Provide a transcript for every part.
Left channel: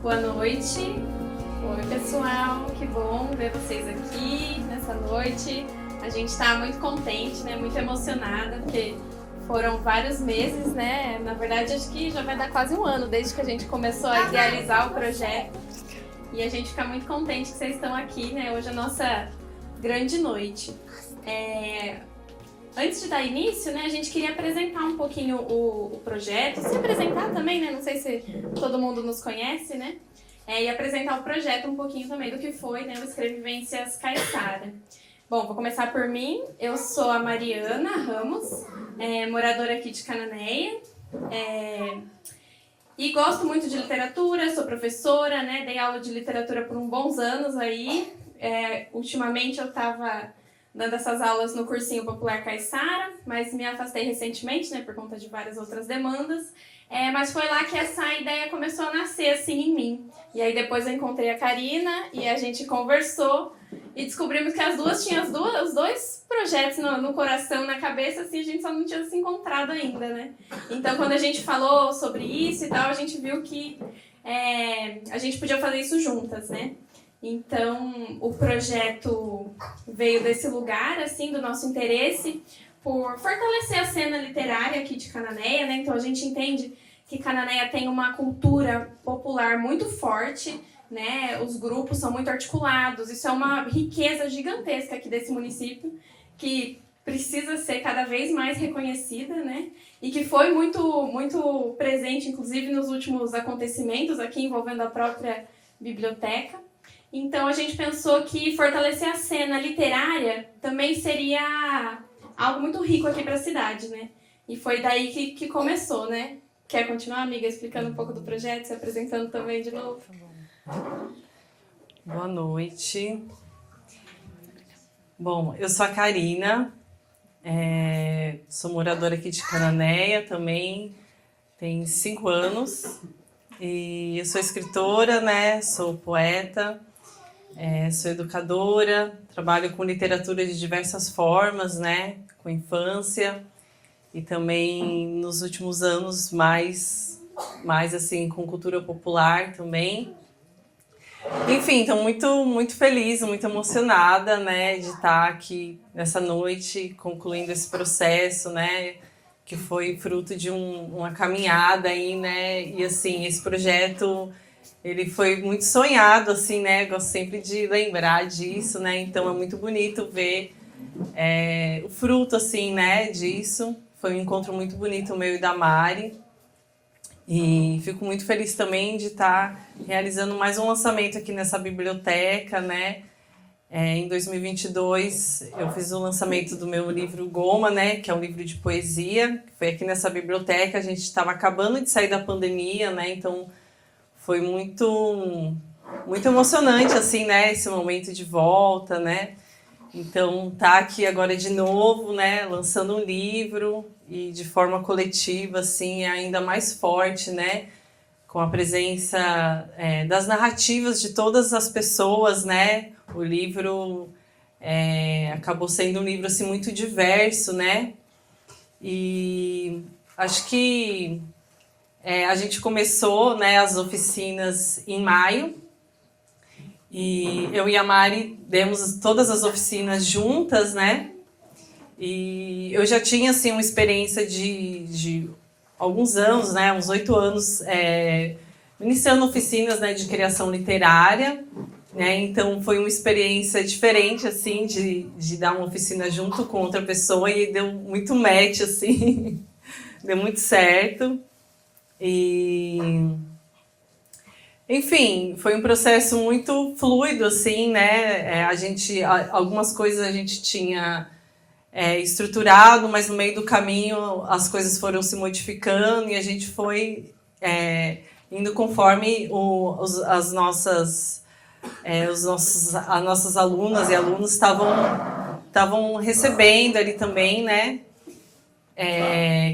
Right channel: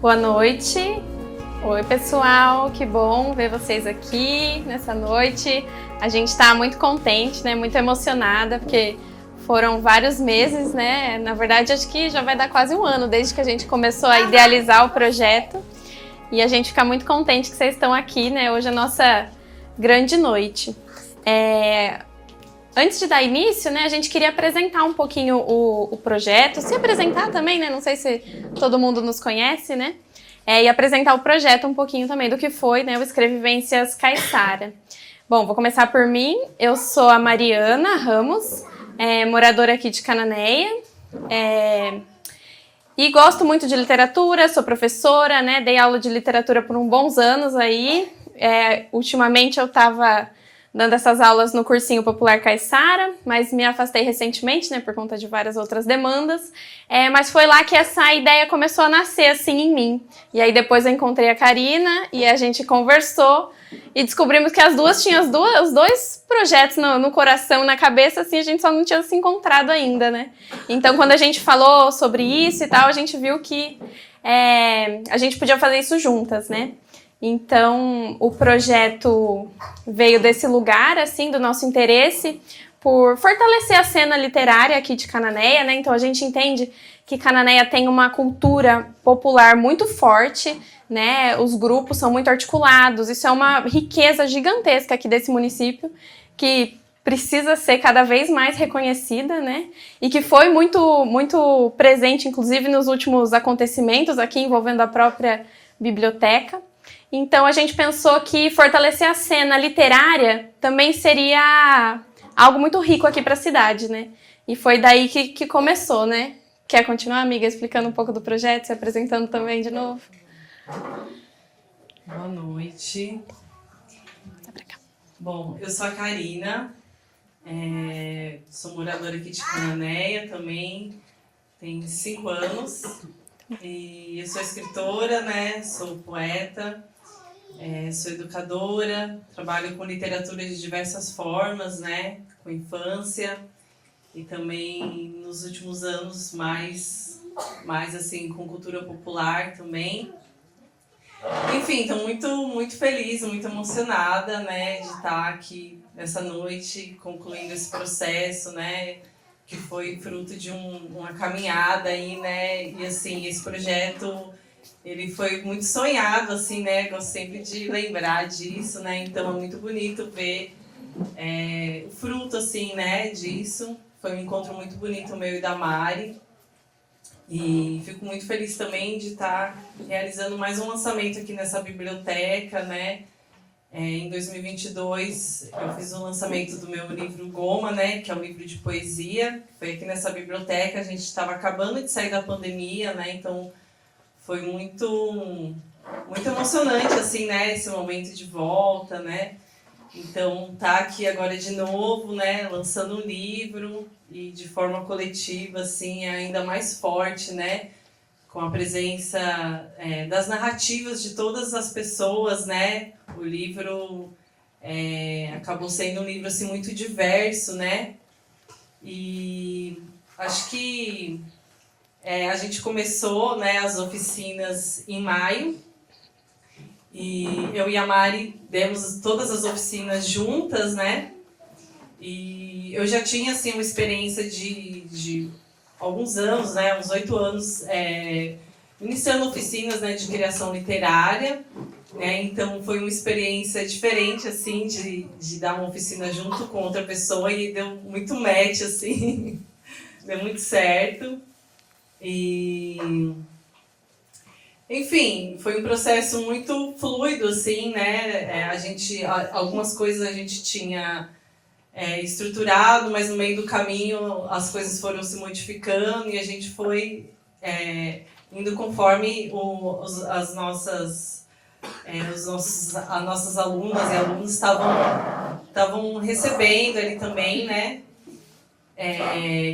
Boa noite. Oi, pessoal. Que bom ver vocês aqui nessa noite. A gente está muito contente, né? Muito emocionada, porque foram vários meses, né? Na verdade, acho que já vai dar quase um ano desde que a gente começou a idealizar o projeto. E a gente fica muito contente que vocês estão aqui, né? Hoje é a nossa grande noite. Antes de dar início, né, a gente queria apresentar um pouquinho o projeto, se apresentar também, né? Não sei se todo mundo nos conhece, né? E apresentar o projeto um pouquinho também do que foi, né, o Escrevivências Caiçara. Bom, vou começar por mim. Eu sou a Mariana Ramos, moradora aqui de Cananéia. E gosto muito de literatura, sou professora, né? Dei aula de literatura por uns bons anos aí. Ultimamente eu estava dando essas aulas no Cursinho Popular Caiçara, mas me afastei recentemente, né, por conta de várias outras demandas. Mas foi lá que essa ideia começou a nascer, assim, em mim. E aí depois eu encontrei a Karina e a gente conversou e descobrimos que as duas tinham os dois projetos no coração, na cabeça, assim, a gente só não tinha se encontrado ainda, né? Então, quando a gente falou sobre isso e tal, a gente viu que a gente podia fazer isso juntas, né? Então, o projeto veio desse lugar, assim, do nosso interesse por fortalecer a cena literária aqui de Cananéia, né? Então, a gente entende que Cananéia tem uma cultura popular muito forte, né? Os grupos são muito articulados, isso é uma riqueza gigantesca aqui desse município, que precisa ser cada vez mais reconhecida, né? E que foi muito, muito presente, inclusive, nos últimos acontecimentos aqui envolvendo a própria biblioteca. Então, a gente pensou que fortalecer a cena literária também seria algo muito rico aqui para a cidade, né? E foi daí que começou, né? Quer continuar, amiga, explicando um pouco do projeto, se apresentando também de novo? Boa noite. Bom, eu sou a Karina, sou moradora aqui de Cananéia também, tenho 5 anos. E eu sou escritora, né? Sou poeta, sou educadora, trabalho com literatura de diversas formas, né? Com infância e também nos últimos anos mais assim com cultura popular também. Enfim, estou muito feliz, muito emocionada, né? De estar aqui nessa noite concluindo esse processo, né? Que foi fruto de uma caminhada aí, né? E assim, esse projeto, ele foi muito sonhado, assim, né? Gosto sempre de lembrar disso, né? Então é muito bonito ver o fruto, assim, né? Disso. Foi um encontro muito bonito meu e da Mari. E fico muito feliz também de estar realizando mais um lançamento aqui nessa biblioteca, né? Em 2022, eu fiz o lançamento do meu livro Goma, né, que é um livro de poesia. Foi aqui nessa biblioteca, a gente estava acabando de sair da pandemia, né, então foi muito emocionante, assim, né, esse momento de volta, né. Então, tá aqui agora de novo, né, lançando um livro e de forma coletiva, assim, ainda mais forte, né, com a presença das narrativas de todas as pessoas, né. O livro acabou sendo um livro assim, muito diverso, né? E acho que a gente começou, né, as oficinas em maio. E eu e a Mari demos todas as oficinas juntas, né? E eu já tinha assim, uma experiência de alguns anos, né? Uns 8 anos, iniciando oficinas, né, de criação literária. Então foi uma experiência diferente assim de dar uma oficina junto com outra pessoa e deu muito match assim, deu muito certo. E enfim, foi um processo muito fluido assim, né? Algumas coisas a gente tinha estruturado, mas no meio do caminho as coisas foram se modificando e a gente foi indo conforme as nossas alunas e alunos estavam recebendo ali também, né?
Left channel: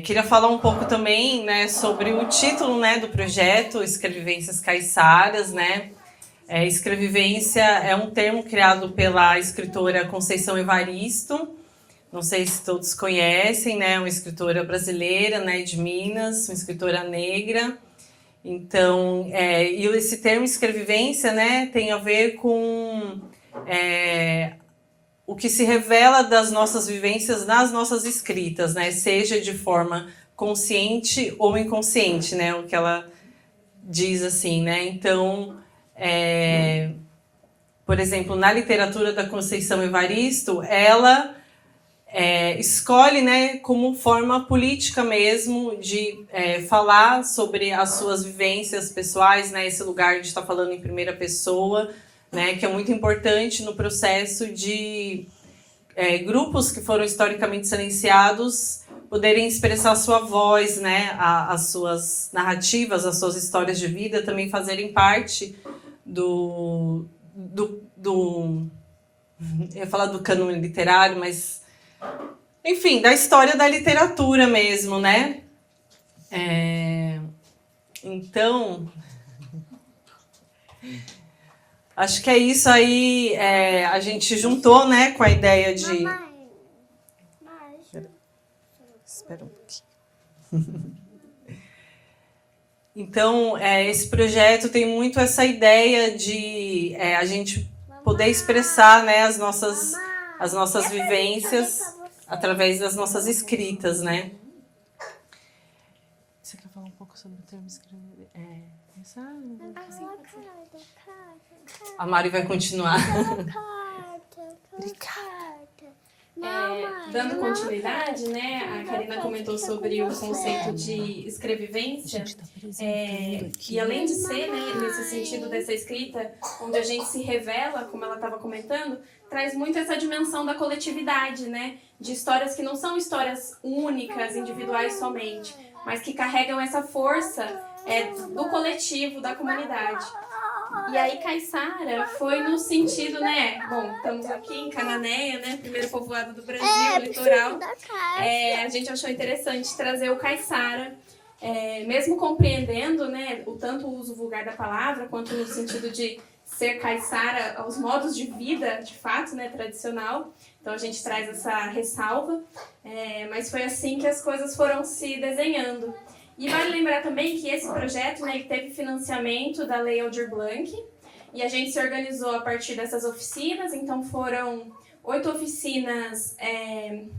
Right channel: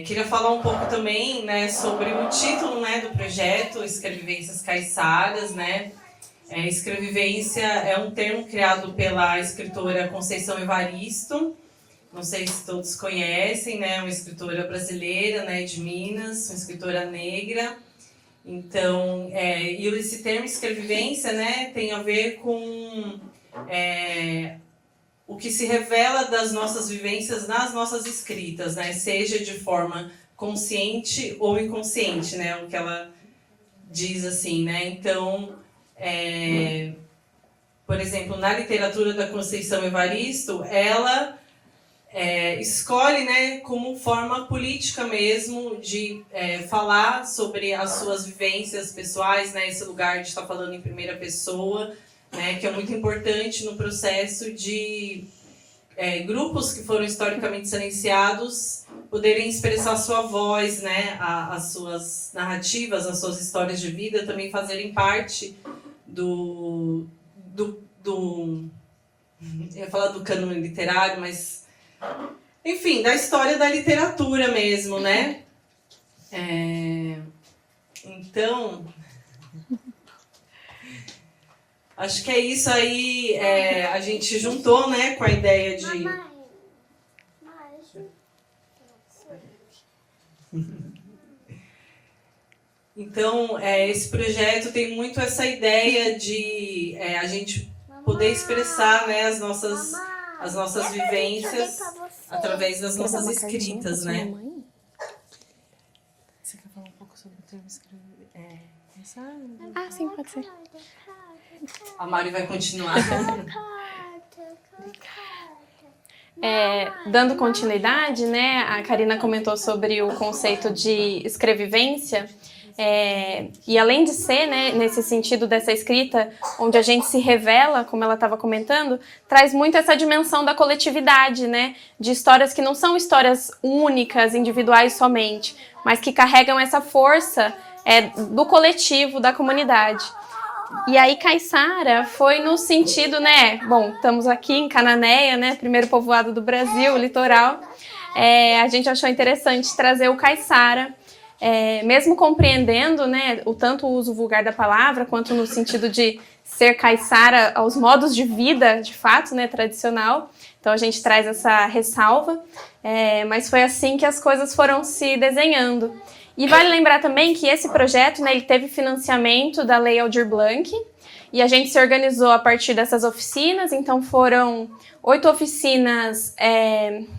Queria falar um pouco também, né, sobre o título, né, do projeto Escrevivências Caiçaras, né? Escrevivência é um termo criado pela escritora Conceição Evaristo. Não sei se todos conhecem, né? Uma escritora brasileira, né, de Minas, uma escritora negra. Então, e esse termo escrevivência, né, tem a ver com o que se revela das nossas vivências nas nossas escritas, né, seja de forma consciente ou inconsciente, né, o que ela diz assim, né. Então, por exemplo, na literatura da Conceição Evaristo, ela escolhe, né, como forma política mesmo de falar sobre as suas vivências pessoais, né, esse lugar de estar falando em primeira pessoa, né, que é muito importante no processo de grupos que foram historicamente silenciados poderem expressar sua voz, né, as suas narrativas, as suas histórias de vida também fazerem parte do eu ia falar do cânone literário, mas enfim, da história da literatura mesmo, né? Então, acho que é isso aí. A gente juntou, né, com a ideia de... Espera um pouquinho. Então, esse projeto tem muito essa ideia de a gente poder expressar, né, as nossas vivências através das nossas escritas, né? Você quer falar um pouco sobre o termo escrevivência? Sim, pode ser. A Mari vai continuar. Dando continuidade, né, a Karina comentou sobre o conceito de escrevivência, que além de ser, né, nesse sentido dessa escrita, onde a gente se revela, como ela estava comentando, traz muito essa dimensão da coletividade, né, de histórias que não são histórias únicas, individuais somente, mas que carregam essa força do coletivo, da comunidade. E aí Caiçara foi no sentido, né, bom, estamos aqui em Cananéia, né, primeiro povoado do Brasil, litoral, a gente achou interessante trazer o Caiçara, mesmo compreendendo, né, o tanto o uso vulgar da palavra, quanto no sentido de ser caiçara aos modos de vida, de fato, né, tradicional. Então a gente traz essa ressalva, mas foi assim que as coisas foram se desenhando. E vale lembrar também que esse projeto, né, ele teve financiamento da Lei Aldir Blanc, e a gente se organizou a partir dessas oficinas. Então foram 8 oficinas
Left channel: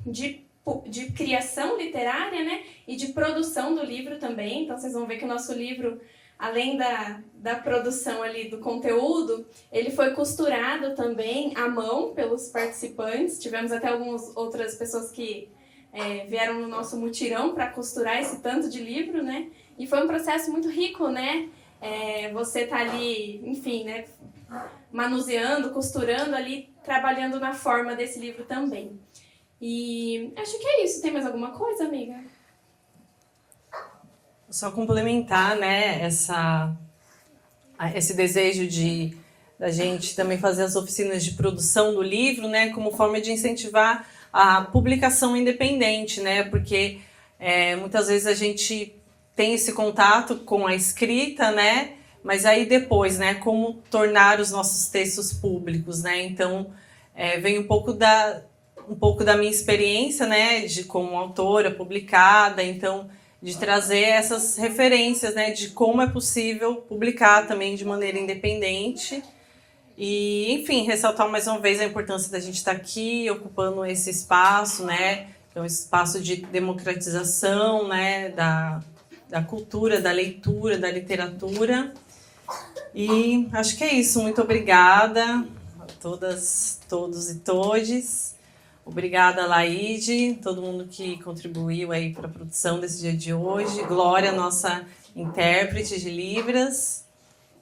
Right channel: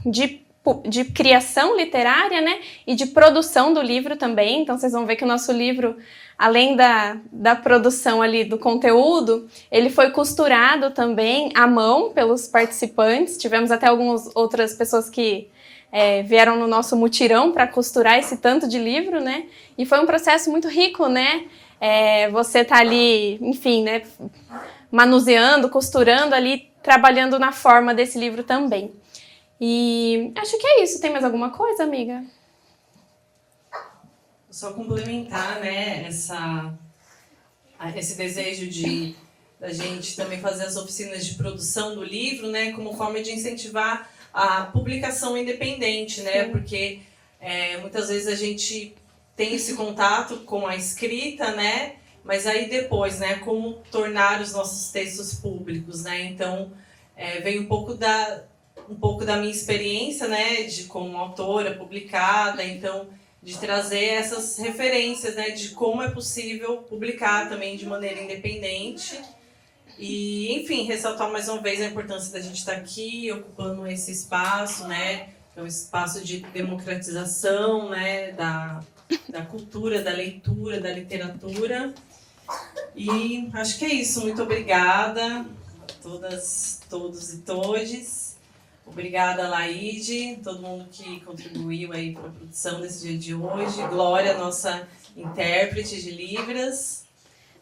de criação literária, né, e de produção do livro também. Então vocês vão ver que o nosso livro, além da produção ali do conteúdo, ele foi costurado também à mão pelos participantes. Tivemos até algumas outras pessoas que vieram no nosso mutirão para costurar esse tanto de livro, né? E foi um processo muito rico, né? Você tá ali, enfim, né, manuseando, costurando ali, trabalhando na forma desse livro também. E acho que é isso. Tem mais alguma coisa, amiga? Só complementar, né, esse desejo da gente também fazer as oficinas de produção do livro, né, como forma de incentivar a publicação independente, né, porque muitas vezes a gente tem esse contato com a escrita, né, mas aí depois, né, como tornar os nossos textos públicos, né, então vem um pouco da minha experiência, né, como autora publicada, então de trazer essas referências, né, de como é possível publicar também de maneira independente. E, enfim, ressaltar mais uma vez a importância da gente estar aqui, ocupando esse espaço, né, que é um espaço de democratização, né, da cultura, da leitura, da literatura. E acho que é isso. Muito obrigada a todas, todos e todes. Obrigada, Laide, todo mundo que contribuiu aí para a produção desse dia de hoje. Glória, nossa intérprete de Libras.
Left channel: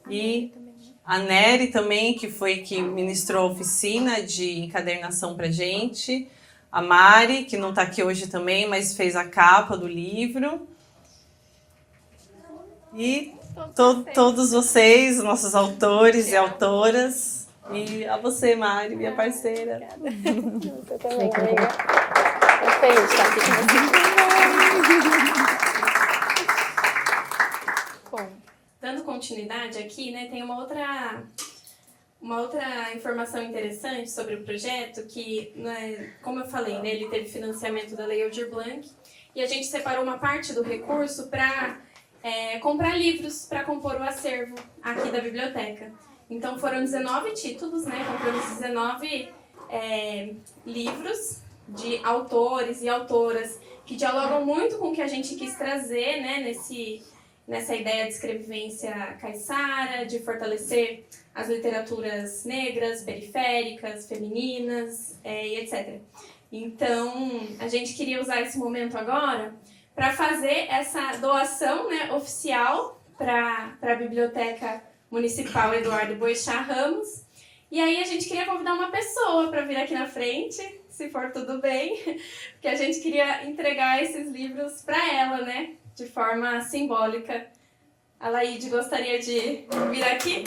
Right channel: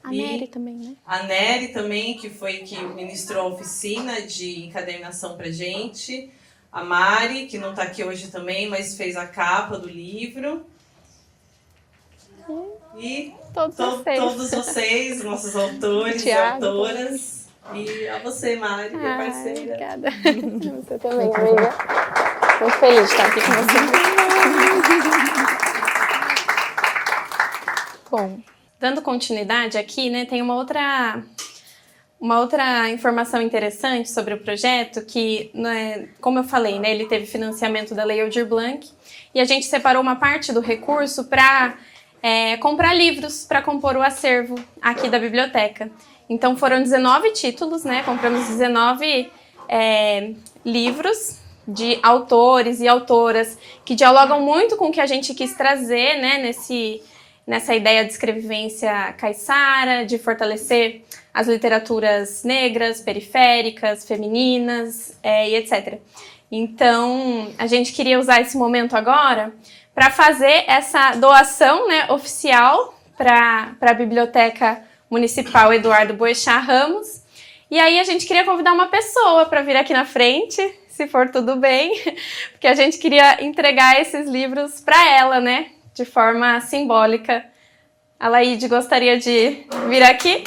A Nery também, né? A Nery também, que foi que ministrou a oficina de encadernação pra gente. A Mari, que não está aqui hoje também, mas fez a capa do livro. E todos vocês, nossos autores e autoras. E a você, Mari, minha parceira. Obrigada. Você também, amiga. Muito feliz de estar aqui com você. Bom, dando continuidade aqui, né, tem uma outra informação interessante sobre o projeto que, né, como eu falei, né, ele teve financiamento da Lei Aldir Blanc e a gente separou uma parte do recurso para comprar livros para compor o acervo aqui da biblioteca. Então foram 19 títulos, né? Compramos 19 livros de autores e autoras que dialogam muito com o que a gente quis trazer, né? Nessa ideia de escrevivência caiçara, de fortalecer as literaturas negras, periféricas, femininas e etc. Então, a gente queria usar esse momento agora para fazer essa doação, né, oficial para a Biblioteca Municipal Eduardo Boechat Ramos. E aí a gente queria convidar uma pessoa para vir aqui na frente, se for tudo bem, porque a gente queria entregar esses livros para ela, né, de forma simbólica. A Laíde gostaria de vir aqui?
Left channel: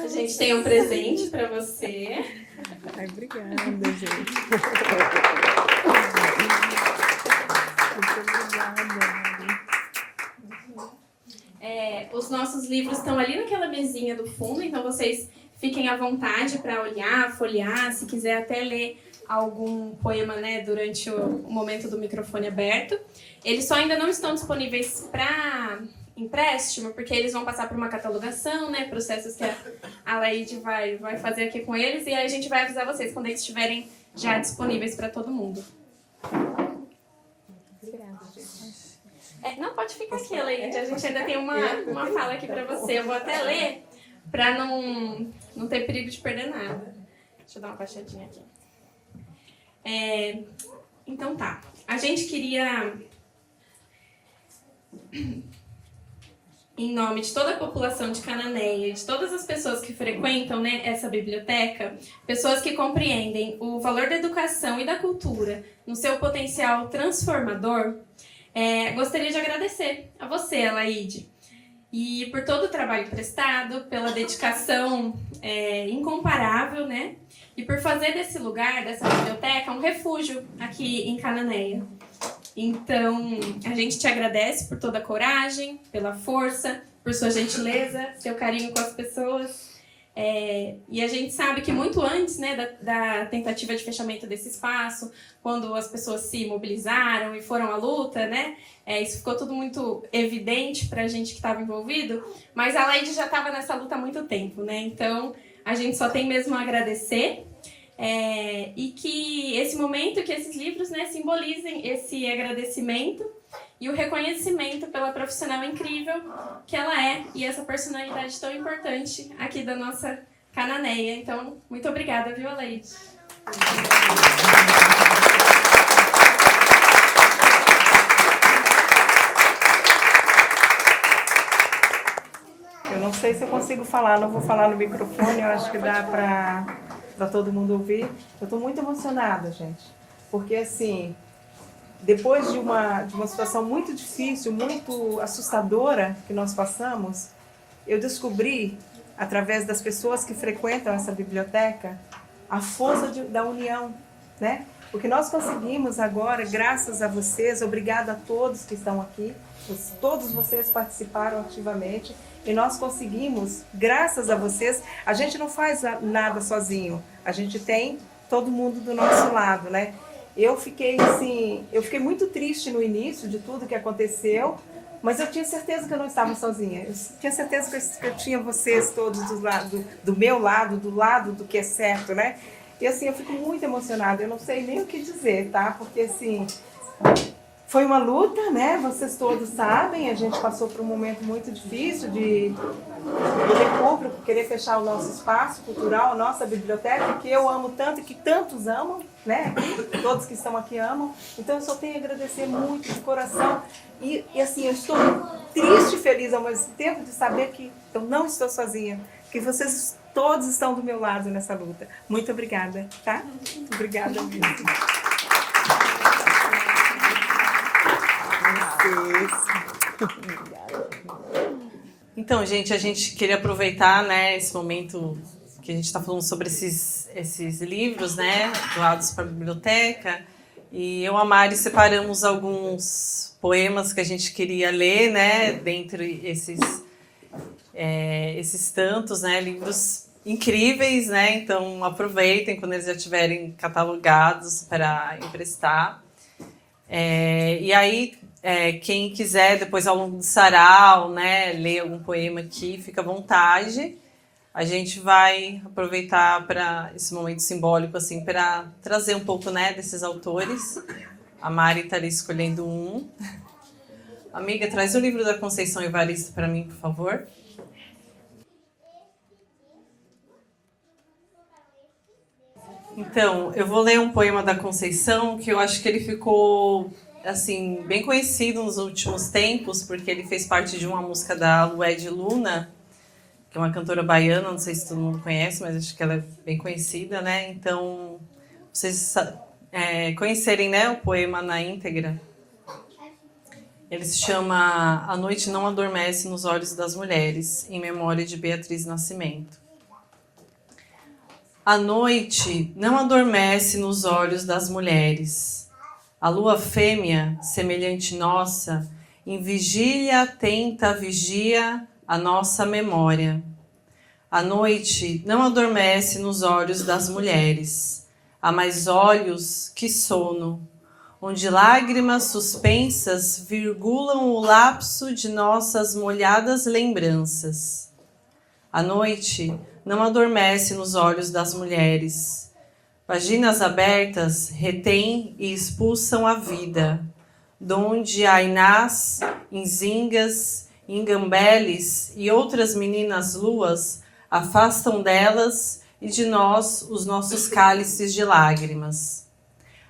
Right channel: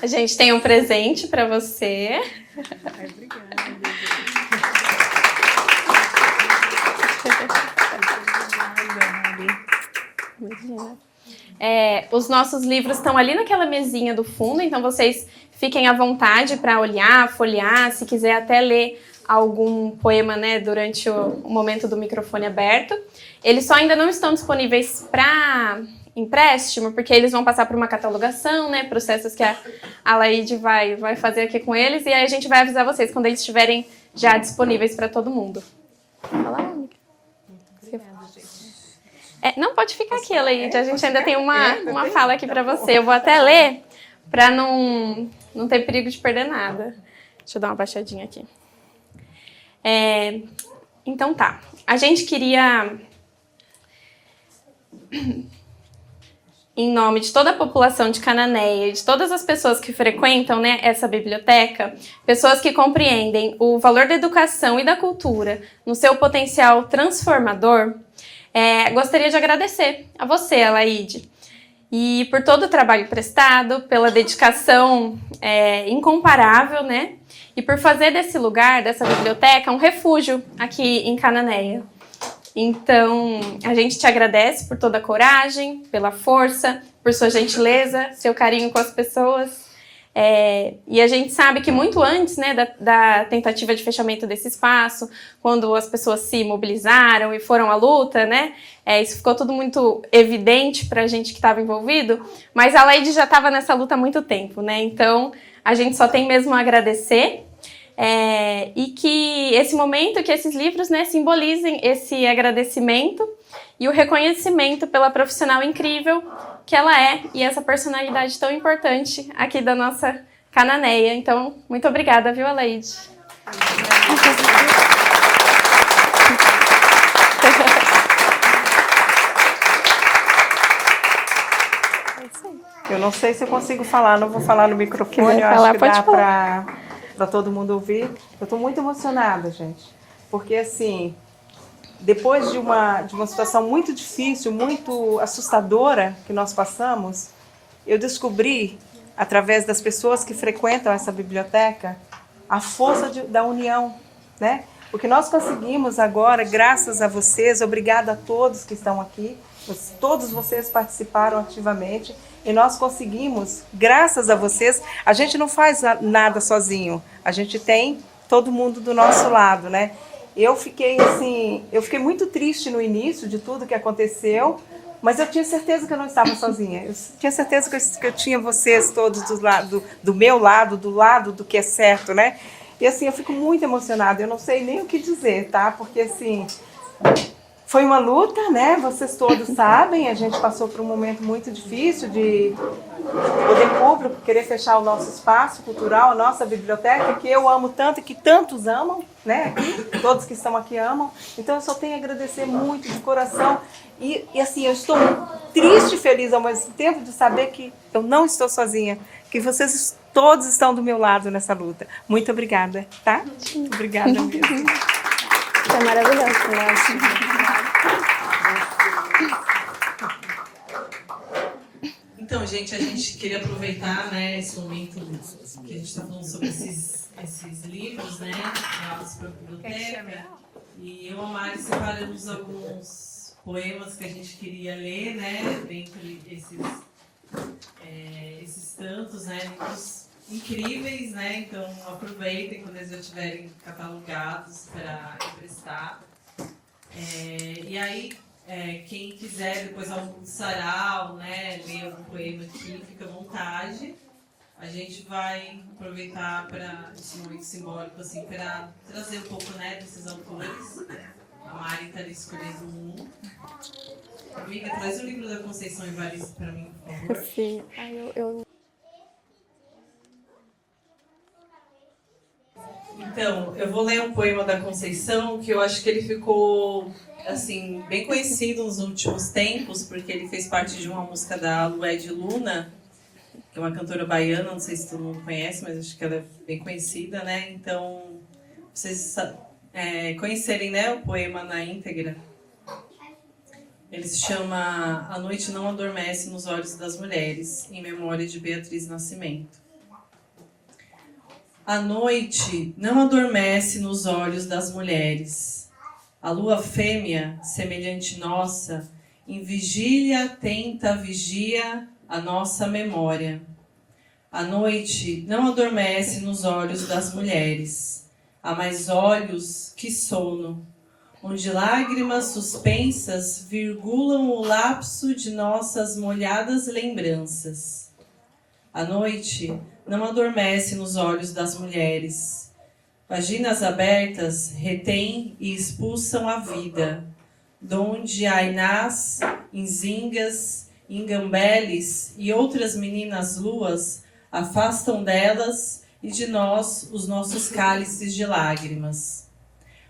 A gente tem um presente para você. Ai, obrigada, gente. Os nossos livros estão ali naquela mesinha do fundo, então vocês fiquem à vontade para olhar, folhear, se quiser até ler algum poema, né, durante o momento do microfone aberto. Eles só ainda não estão disponíveis para empréstimo, porque eles vão passar por uma catalogação, né, processos que a Laíde vai fazer aqui com eles, e aí a gente vai avisar vocês quando eles estiverem já disponíveis para todo mundo. Não, pode ficar aqui, Laíde, a gente ainda tem uma fala aqui para você. Eu vou até ler para não ter perigo de perder nada. Deixa eu dar uma baixadinha aqui. Então tá, a gente queria, em nome de toda a população de Cananéia e de todas as pessoas que frequentam, né, essa biblioteca, pessoas que compreendem o valor da educação e da cultura no seu potencial transformador, gostaria de agradecer a você, Alaide, e por todo o trabalho prestado, pela dedicação incomparável, né, e por fazer desse lugar, dessa biblioteca, um refúgio aqui em Cananéia. Então, a gente te agradece por toda a coragem, pela força, por sua gentileza, seu carinho com as pessoas. E a gente sabe que muito antes, né, da tentativa de fechamento desse espaço, quando as pessoas se mobilizaram e foram à luta, né, isso ficou tudo muito evidente para a gente que estava envolvido, mas a Laíde já estava nessa luta há muito tempo, né, então a gente só tem mesmo a agradecer. E que esse momento, que esses livros, né, simbolizem esse agradecimento e o reconhecimento pela profissional incrível que ela é e essa personalidade tão importante aqui da nossa Cananéia. Então, muito obrigada, viu, Alaide? Eu não sei se eu consigo falar, não vou falar no microfone, eu acho que dá para todo mundo ouvir. Eu estou muito emocionada, gente, porque assim, depois de uma situação muito difícil, muito assustadora que nós passamos, eu descobri, através das pessoas que frequentam essa biblioteca, a força da união, né? Porque nós conseguimos agora, graças a vocês, obrigada a todos que estão aqui, todos vocês participaram ativamente, e nós conseguimos, graças a vocês, a gente não faz nada sozinho, a gente tem todo mundo do nosso lado, né? Eu fiquei muito triste no início de tudo que aconteceu, mas eu tinha certeza que eu não estava sozinha, eu tinha certeza que eu tinha vocês todos do meu lado, do lado do que é certo, né? E assim, eu fico muito emocionada, eu não sei nem o que dizer, tá? Porque assim, foi uma luta, né? Vocês todos sabem, a gente passou por um momento muito difícil de poder público querer fechar o nosso espaço cultural, a nossa biblioteca, que eu amo tanto e que tantos amam, né? Todos que estão aqui amam. Então eu só tenho a agradecer muito de coração. E assim, eu estou triste e feliz ao mesmo tempo de saber que eu não estou sozinha, que vocês todos estão do meu lado nessa luta. Muito obrigada, tá? Obrigada mesmo. É maravilhoso, né? Então, gente, a gente queria aproveitar, né, esse momento que a gente está falando sobre esses livros, né, doados para a biblioteca. E eu e a Mari separamos alguns poemas que a gente queria ler, né, dentre esses tantos, né, livros incríveis, né? Então aproveitem quando eles já estiverem catalogados para emprestar. E aí, quem quiser, depois ao longo do sarau, né, ler algum poema aqui, fica à vontade. A gente vai aproveitar para esse momento simbólico, assim, para trazer um pouco, né, desses autores. A Mari está ali escolhendo um. Amiga, traz o livro da Conceição Evaristo para mim, por favor. Sim. Então, eu vou ler um poema da Conceição que eu acho que ele ficou, assim, bem conhecido nos últimos tempos, porque ele fez parte de uma música da Lued Luna, que é uma cantora baiana, não sei se todo mundo conhece, mas acho que ela é bem conhecida, né? Então, vocês conhecerem, né, o poema na íntegra. Ele se chama A Noite Não Adormece nos Olhos das Mulheres, em memória de Beatriz Nascimento. A noite não adormece nos olhos das mulheres. A lua fêmea, semelhante nossa, em vigília atenta vigia a nossa memória. A noite não adormece nos olhos das mulheres. Há mais olhos que sono, onde lágrimas suspensas virgulam o lapso de nossas molhadas lembranças. A noite não adormece nos olhos das mulheres. Vaginas abertas retêm e expulsam a vida, donde ainás, inzingas, ingambeles e outras meninas luas afastam delas e de nós os nossos cálices de lágrimas.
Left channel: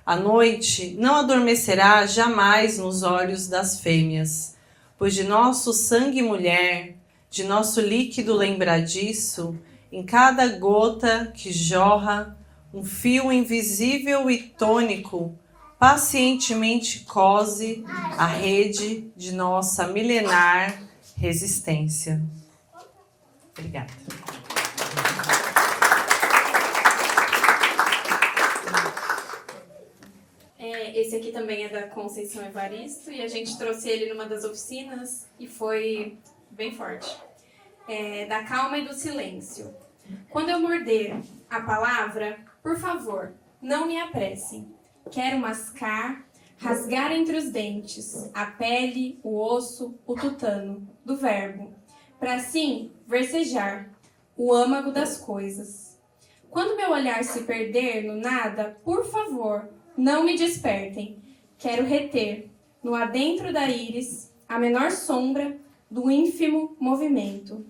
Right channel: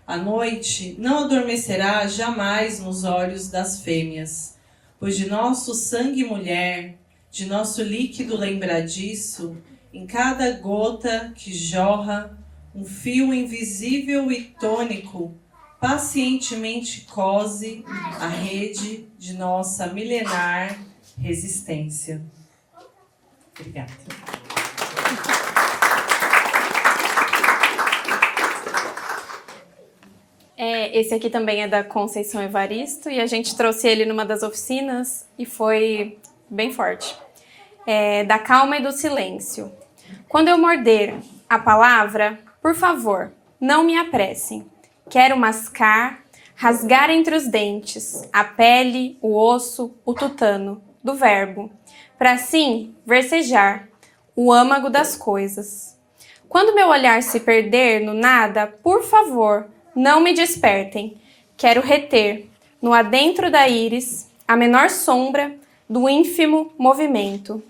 A noite não adormecerá jamais nos olhos das fêmeas, pois de nosso sangue mulher, de nosso líquido lembradiço, em cada gota que jorra, um fio invisível e tônico pacientemente cose a rede de nossa milenar resistência. Obrigada. Esse aqui também é da Conceição Evaristo e a gente trouxe ele numa das oficinas e foi bem forte. Da calma e do silêncio. Quando eu morder a palavra, por favor, não me apressem. Quero mascar, rasgar entre os dentes a pele, o osso, o tutano do verbo, para assim versejar o âmago das coisas. Quando meu olhar se perder no nada, por favor, não me despertem. Quero reter, no adentro da íris, a menor sombra do ínfimo movimento.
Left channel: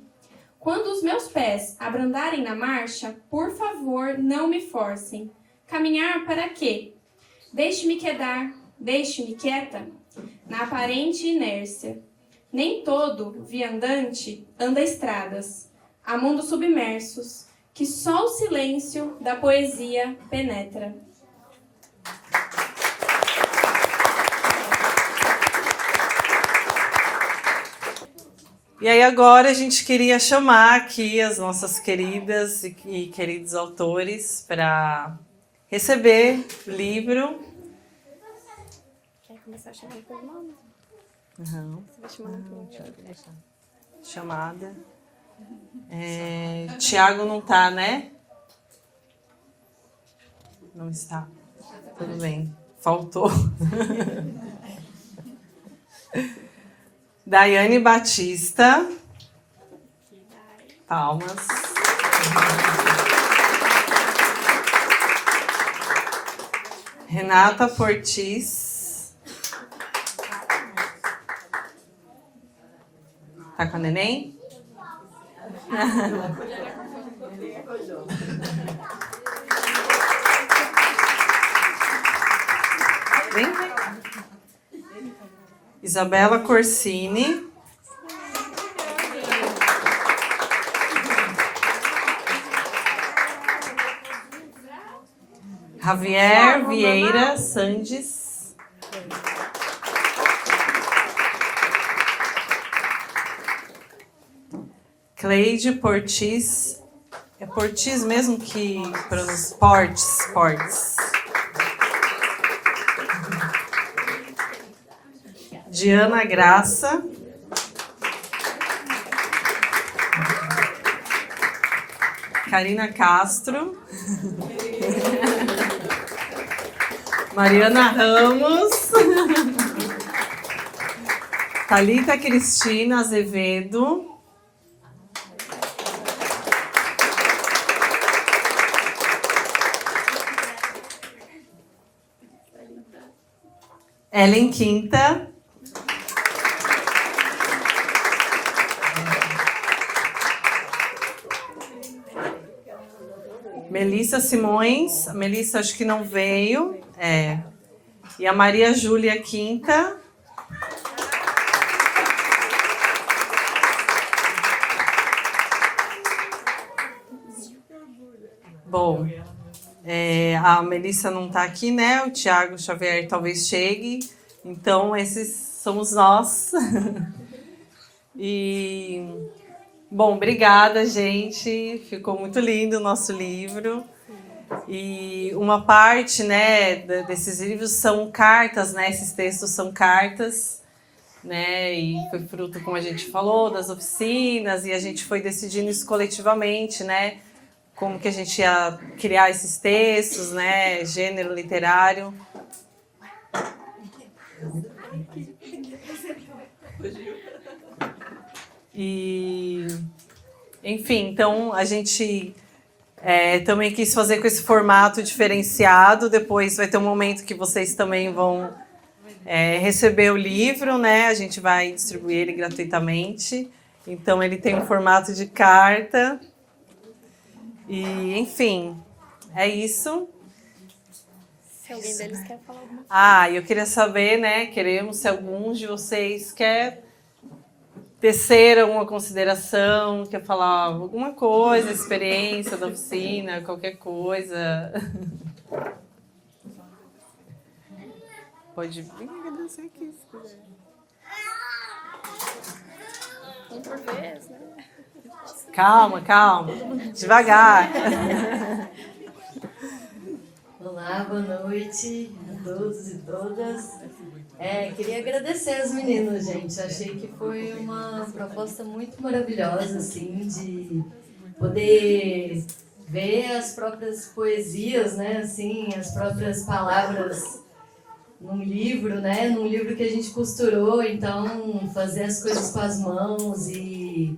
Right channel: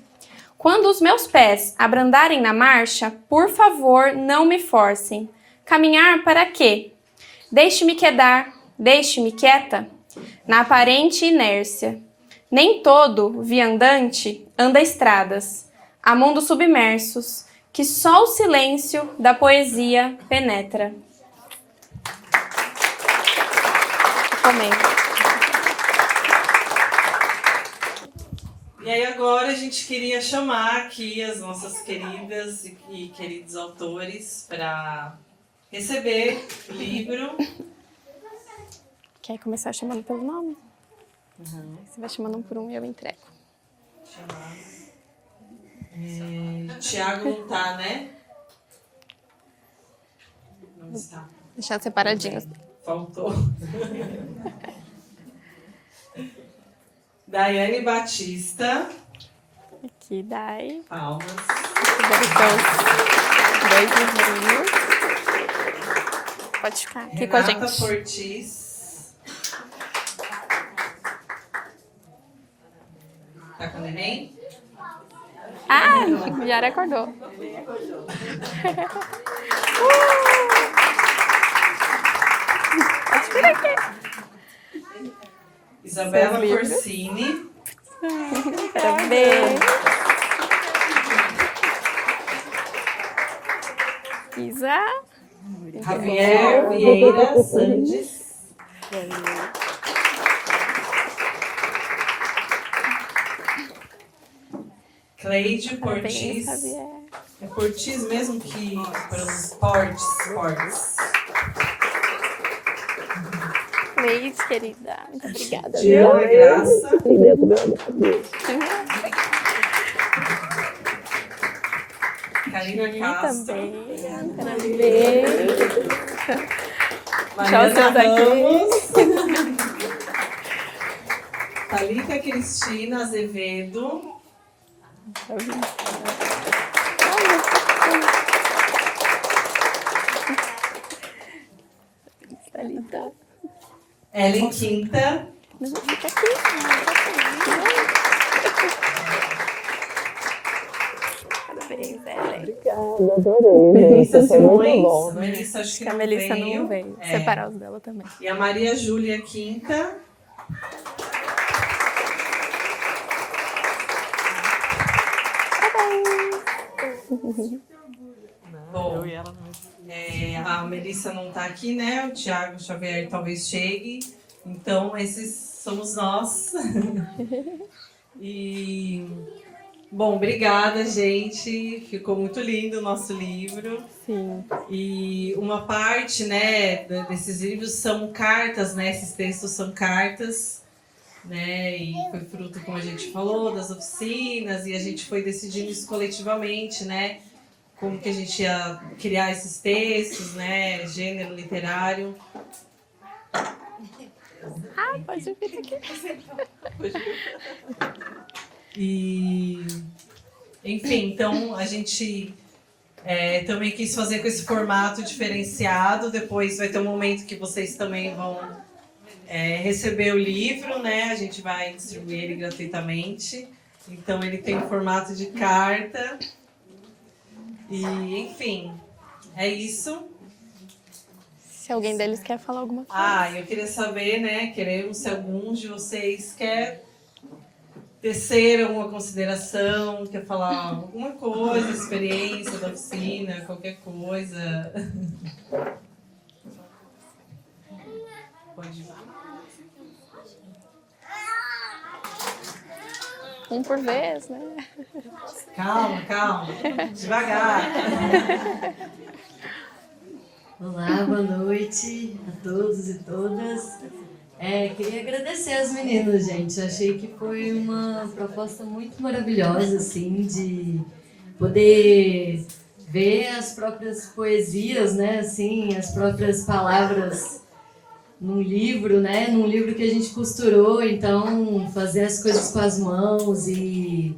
Quando os meus pés abrandarem na marcha, por favor, não me forcem. Caminhar para quê? Deixe-me quedar, deixe-me quieta, na aparente inércia. Nem todo viandante anda estradas, há mundos submersos, que só o silêncio da poesia penetra. E aí agora a gente queria chamar aqui as nossas queridas e queridos autores para receber o livro. Quer começar chamando pelo nome? Uhum. Você vai chamando um por um e eu entrego. Chamada. Tiago não tá, né? Não está. Deixar separadinho. Faltou. Daiane Batista. Aqui, Dai. Palmas. Pode ficar aqui Renata com a gente. Portis. Tá com a neném? Ah, Yara acordou. Isabela Corsini. Parabéns. Isa. Javier Vieira Sandes. Cleide Portis. É Portis mesmo que pronuncia? Portis. Cleide, querida. Muito obrigada. Diana Graça. Karina Castro, Mariana Ramos, Thalita Cristina Azevedo, Ellen Quinta, Melissa Simões. Melissa acho que não veio. Separar os dela também. E a Maria Júlia Quinta. Bom, a Melissa não está aqui, né? O Thiago Xavier talvez chegue. Então, esses somos nós. E, bom, obrigada, gente. Ficou muito lindo o nosso livro. Sim. E uma parte, né, desses livros são cartas, né? Esses textos são cartas, né? E foi fruto, como a gente falou, das oficinas. E a gente foi decidindo isso coletivamente, né? Como que a gente ia criar esses textos, né? Gênero literário. Pode vir aqui. E, enfim, então a gente também quis fazer com esse formato diferenciado. Depois vai ter um momento que vocês também vão receber o livro, né? A gente vai distribuir ele gratuitamente. Então ele tem um formato de carta. E, enfim, é isso. Se alguém deles quer falar alguma coisa. Eu queria saber, né? Queremos se algum de vocês quer tecer alguma consideração, quer falar alguma coisa, experiência da oficina, qualquer coisa. Pode vir. Um por vez, né? Calma, devagar. Olá, boa noite a todos e todas. Queria agradecer às meninas, gente. Achei que foi uma proposta muito maravilhosa, assim, de poder ver as próprias poesias, né, assim, as próprias palavras num livro, né, num livro que a gente costurou. Então, fazer as coisas com as mãos e...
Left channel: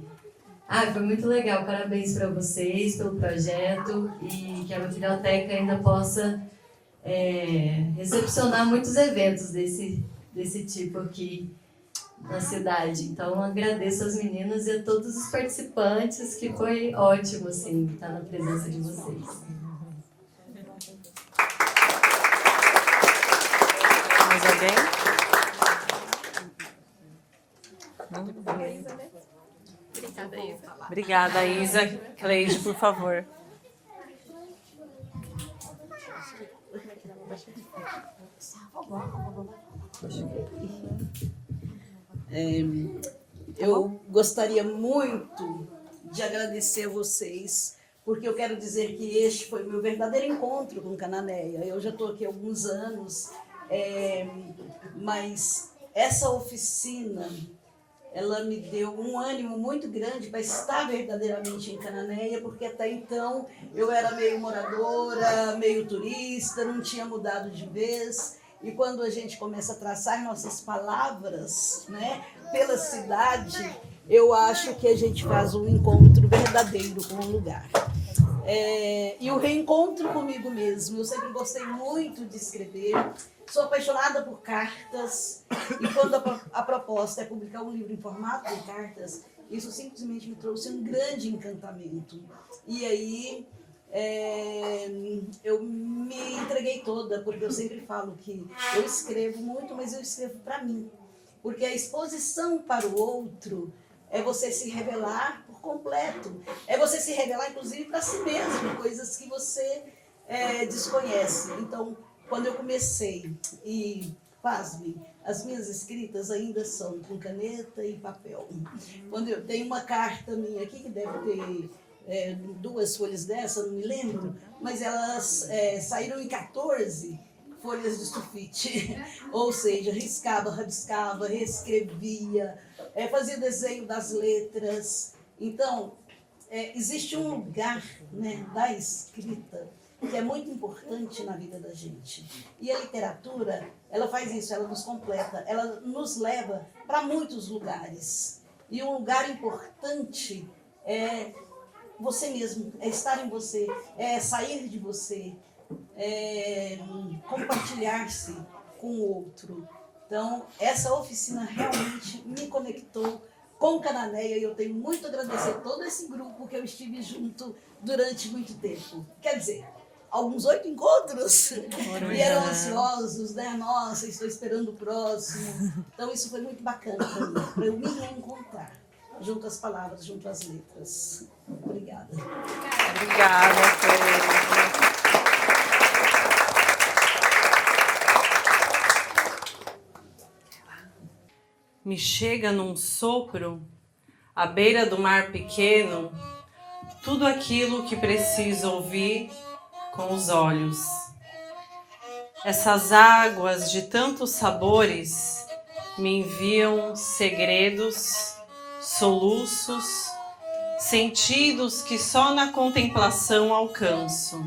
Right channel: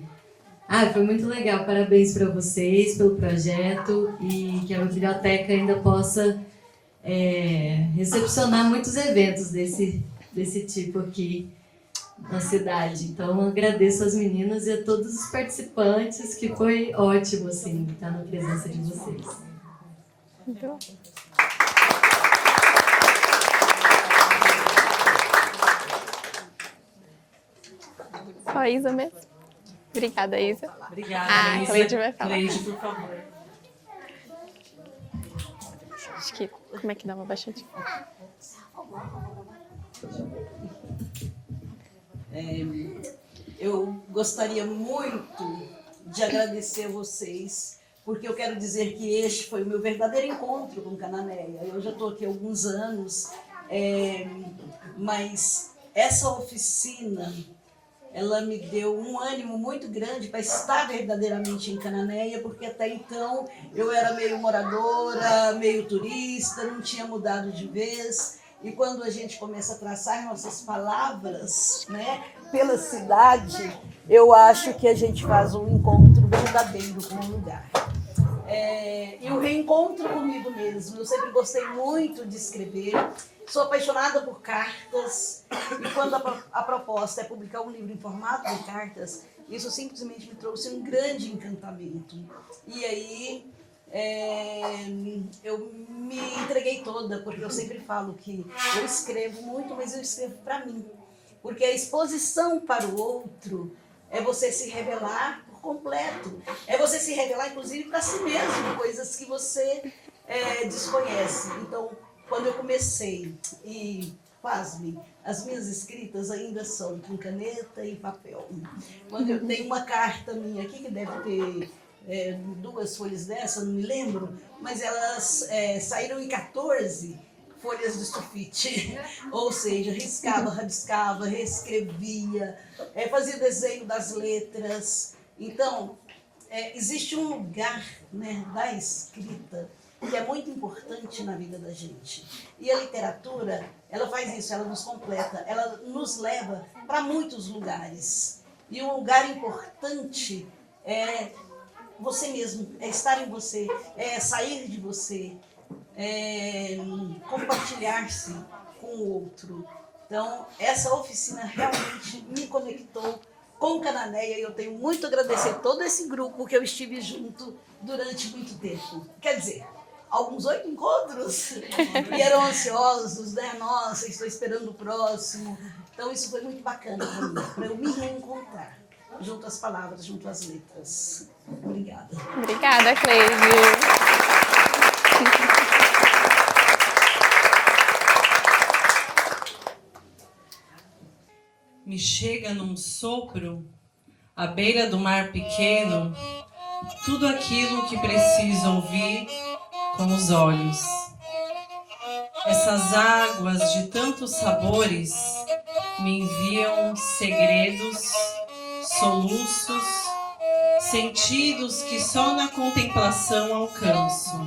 foi muito legal. Parabéns para vocês pelo projeto e que a biblioteca ainda possa recepcionar muitos eventos desse tipo aqui na cidade. Então, agradeço às meninas e a todos os participantes, que foi ótimo, assim, estar na presença de vocês. Então. Só a Isa mesmo. Obrigada, Isa. Obrigada, Isa. Cleide, por favor. Acho que... Como é que dá uma baixadinha? Eu gostaria muito de agradecer a vocês, porque eu quero dizer que este foi o meu verdadeiro encontro com Cananéia. Eu já estou aqui há alguns anos, mas essa oficina, ela me deu um ânimo muito grande para estar verdadeiramente em Cananéia, porque até então eu era meio moradora, meio turista, não tinha mudado de vez. E quando a gente começa a traçar nossas palavras, né, pela cidade, eu acho que a gente faz um encontro verdadeiro com o lugar. E o reencontro comigo mesmo. Eu sempre gostei muito de escrever. Sou apaixonada por cartas, e quando a proposta é publicar um livro em formato de cartas, isso simplesmente me trouxe um grande encantamento. E aí eu me entreguei toda, porque eu sempre falo que eu escrevo muito, mas eu escrevo para mim. Porque a exposição para o outro é você se revelar por completo. É você se revelar, inclusive, para si mesmo, coisas que você desconhece. Então, quando eu comecei, e pasmem, as minhas escritas ainda são com caneta e papel. Quando eu tenho uma carta minha aqui, que deve ter 2 folhas dessa, não me lembro, mas elas saíram em 14 folhas de sulfite. Ou seja, riscava, rabiscava, reescrevia, fazia desenho das letras. Então, existe um lugar, né, da escrita que é muito importante na vida da gente. E a literatura, ela faz isso, ela nos completa, ela nos leva para muitos lugares. E um lugar importante é você mesmo, é estar em você, é sair de você, é compartilhar-se com o outro. Então, essa oficina realmente me conectou com Cananéia e eu tenho muito a agradecer todo esse grupo que eu estive junto durante muito tempo. Quer dizer, alguns 8 encontros e eram ansiosos, né? Nossa, estou esperando o próximo. Então, isso foi muito bacana para eu me reencontrar junto às palavras, junto às letras. Obrigada. Obrigada, Cleide. Me chega num sopro, à beira do mar pequeno, tudo aquilo que preciso ouvir com os olhos. Essas águas de tantos sabores me enviam segredos, soluços, sentidos que só na contemplação alcanço.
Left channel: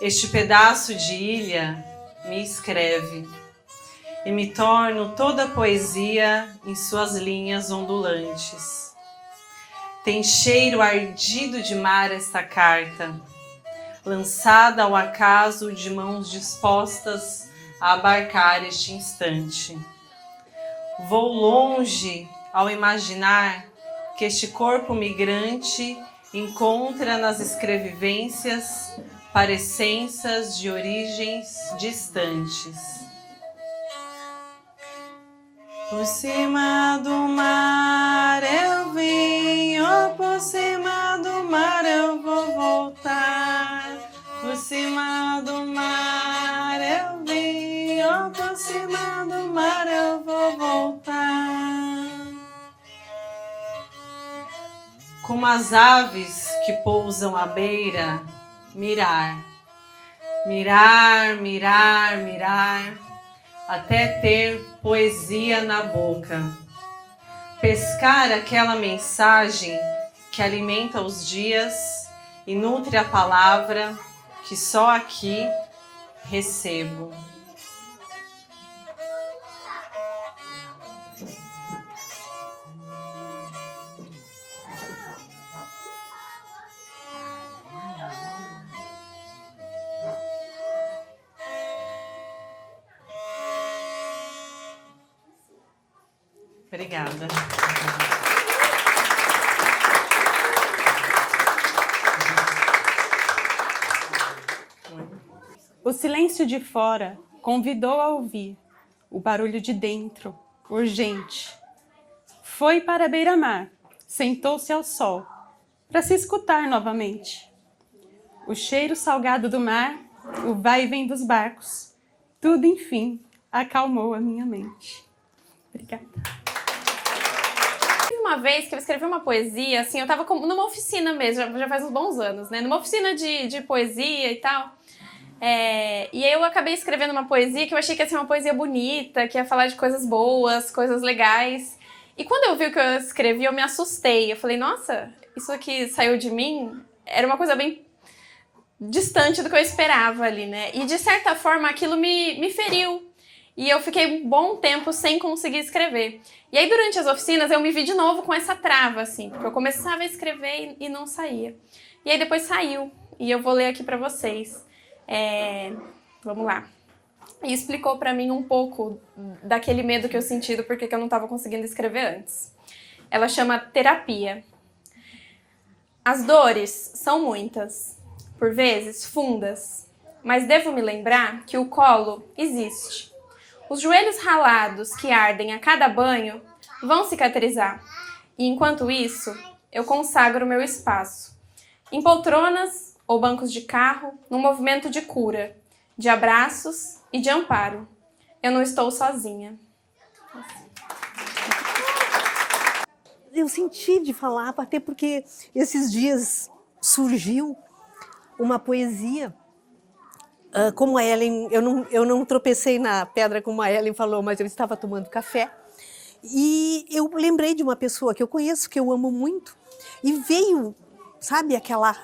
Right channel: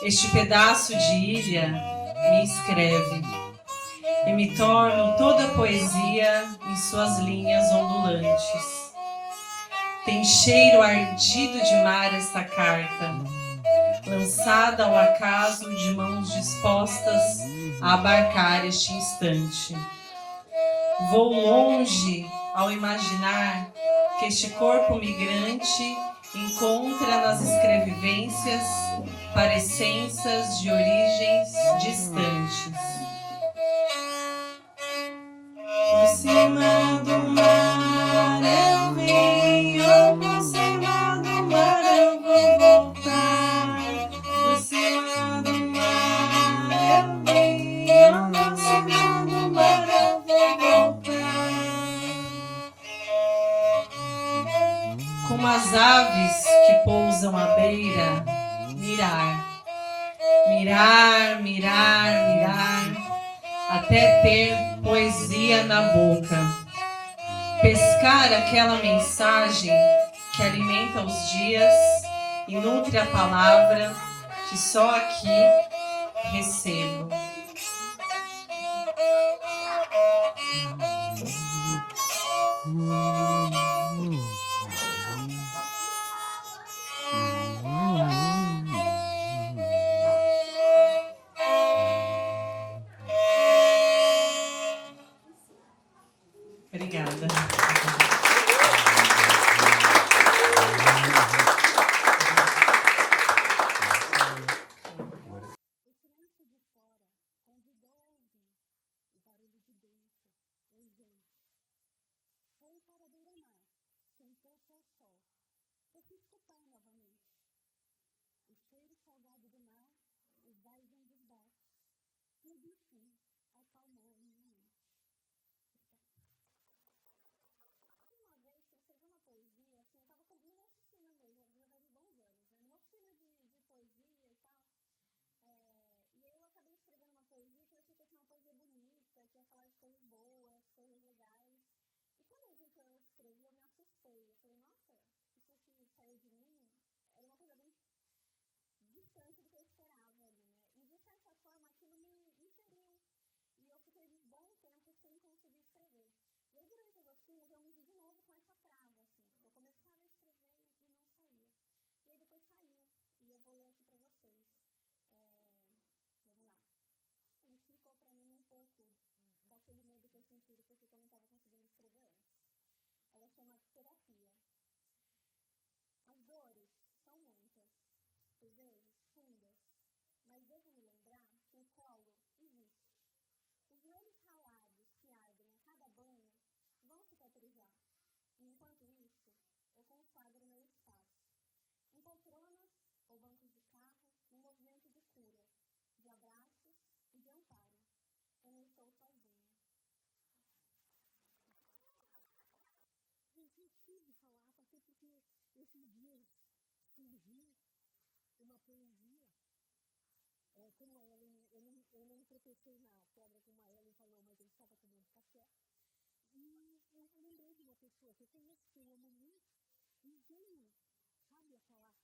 Este pedaço de ilha me escreve e me torno toda poesia em suas linhas ondulantes. Tem cheiro ardido de mar esta carta, lançada ao acaso de mãos dispostas a abarcar este instante. Vou longe ao imaginar que este corpo migrante encontra nas escrevivências parecenças de origens distantes. Por cima do mar eu venho, por cima do mar eu vou voltar. Por cima do mar eu venho, por cima do mar eu vou voltar. Como as aves que pousam à beira, mirar, mirar, mirar, mirar, até ter poesia na boca. Pescar aquela mensagem que alimenta os dias e nutre a palavra que só aqui recebo. Obrigada. O silêncio de fora convidou a ouvir o barulho de dentro, urgente. Foi para a beira-mar, sentou-se ao sol, para se escutar novamente. O cheiro salgado do mar, o vai e vem dos barcos, tudo, enfim, acalmou a minha mente. Obrigada. Uma vez que eu escrevi uma poesia, assim, eu tava numa oficina mesmo, já faz uns bons anos, né? Numa oficina de poesia e tal. E aí eu acabei escrevendo uma poesia que eu achei que ia ser uma poesia bonita, que ia falar de coisas boas, coisas legais. E quando eu vi o que eu escrevi, eu me assustei. Eu falei, nossa, isso aqui saiu de mim era uma coisa bem distante do que eu esperava ali, né? E de certa forma aquilo me feriu. E eu fiquei um bom tempo sem conseguir escrever. E aí, durante as oficinas, eu me vi de novo com essa trava, assim, porque eu começava a escrever e não saía. E aí, depois saiu. E eu vou ler aqui pra vocês. Vamos lá. E explicou pra mim um pouco daquele medo que eu senti do porquê que eu não estava conseguindo escrever antes. Ela chama Terapia. As dores são muitas, por vezes fundas, mas devo me lembrar que o colo existe. Os joelhos ralados que ardem a cada banho vão cicatrizar. E enquanto isso, eu consagro meu espaço. Em poltronas ou bancos de carro, num movimento de cura, de abraços e de amparo. Eu não estou sozinha. Eu senti de falar, até porque esses dias surgiu uma poesia. Como a Ellen, eu não tropecei na pedra como a Ellen falou, mas eu estava tomando café. E eu lembrei de uma pessoa que eu conheço, que eu amo muito, E veio, sabe, aquela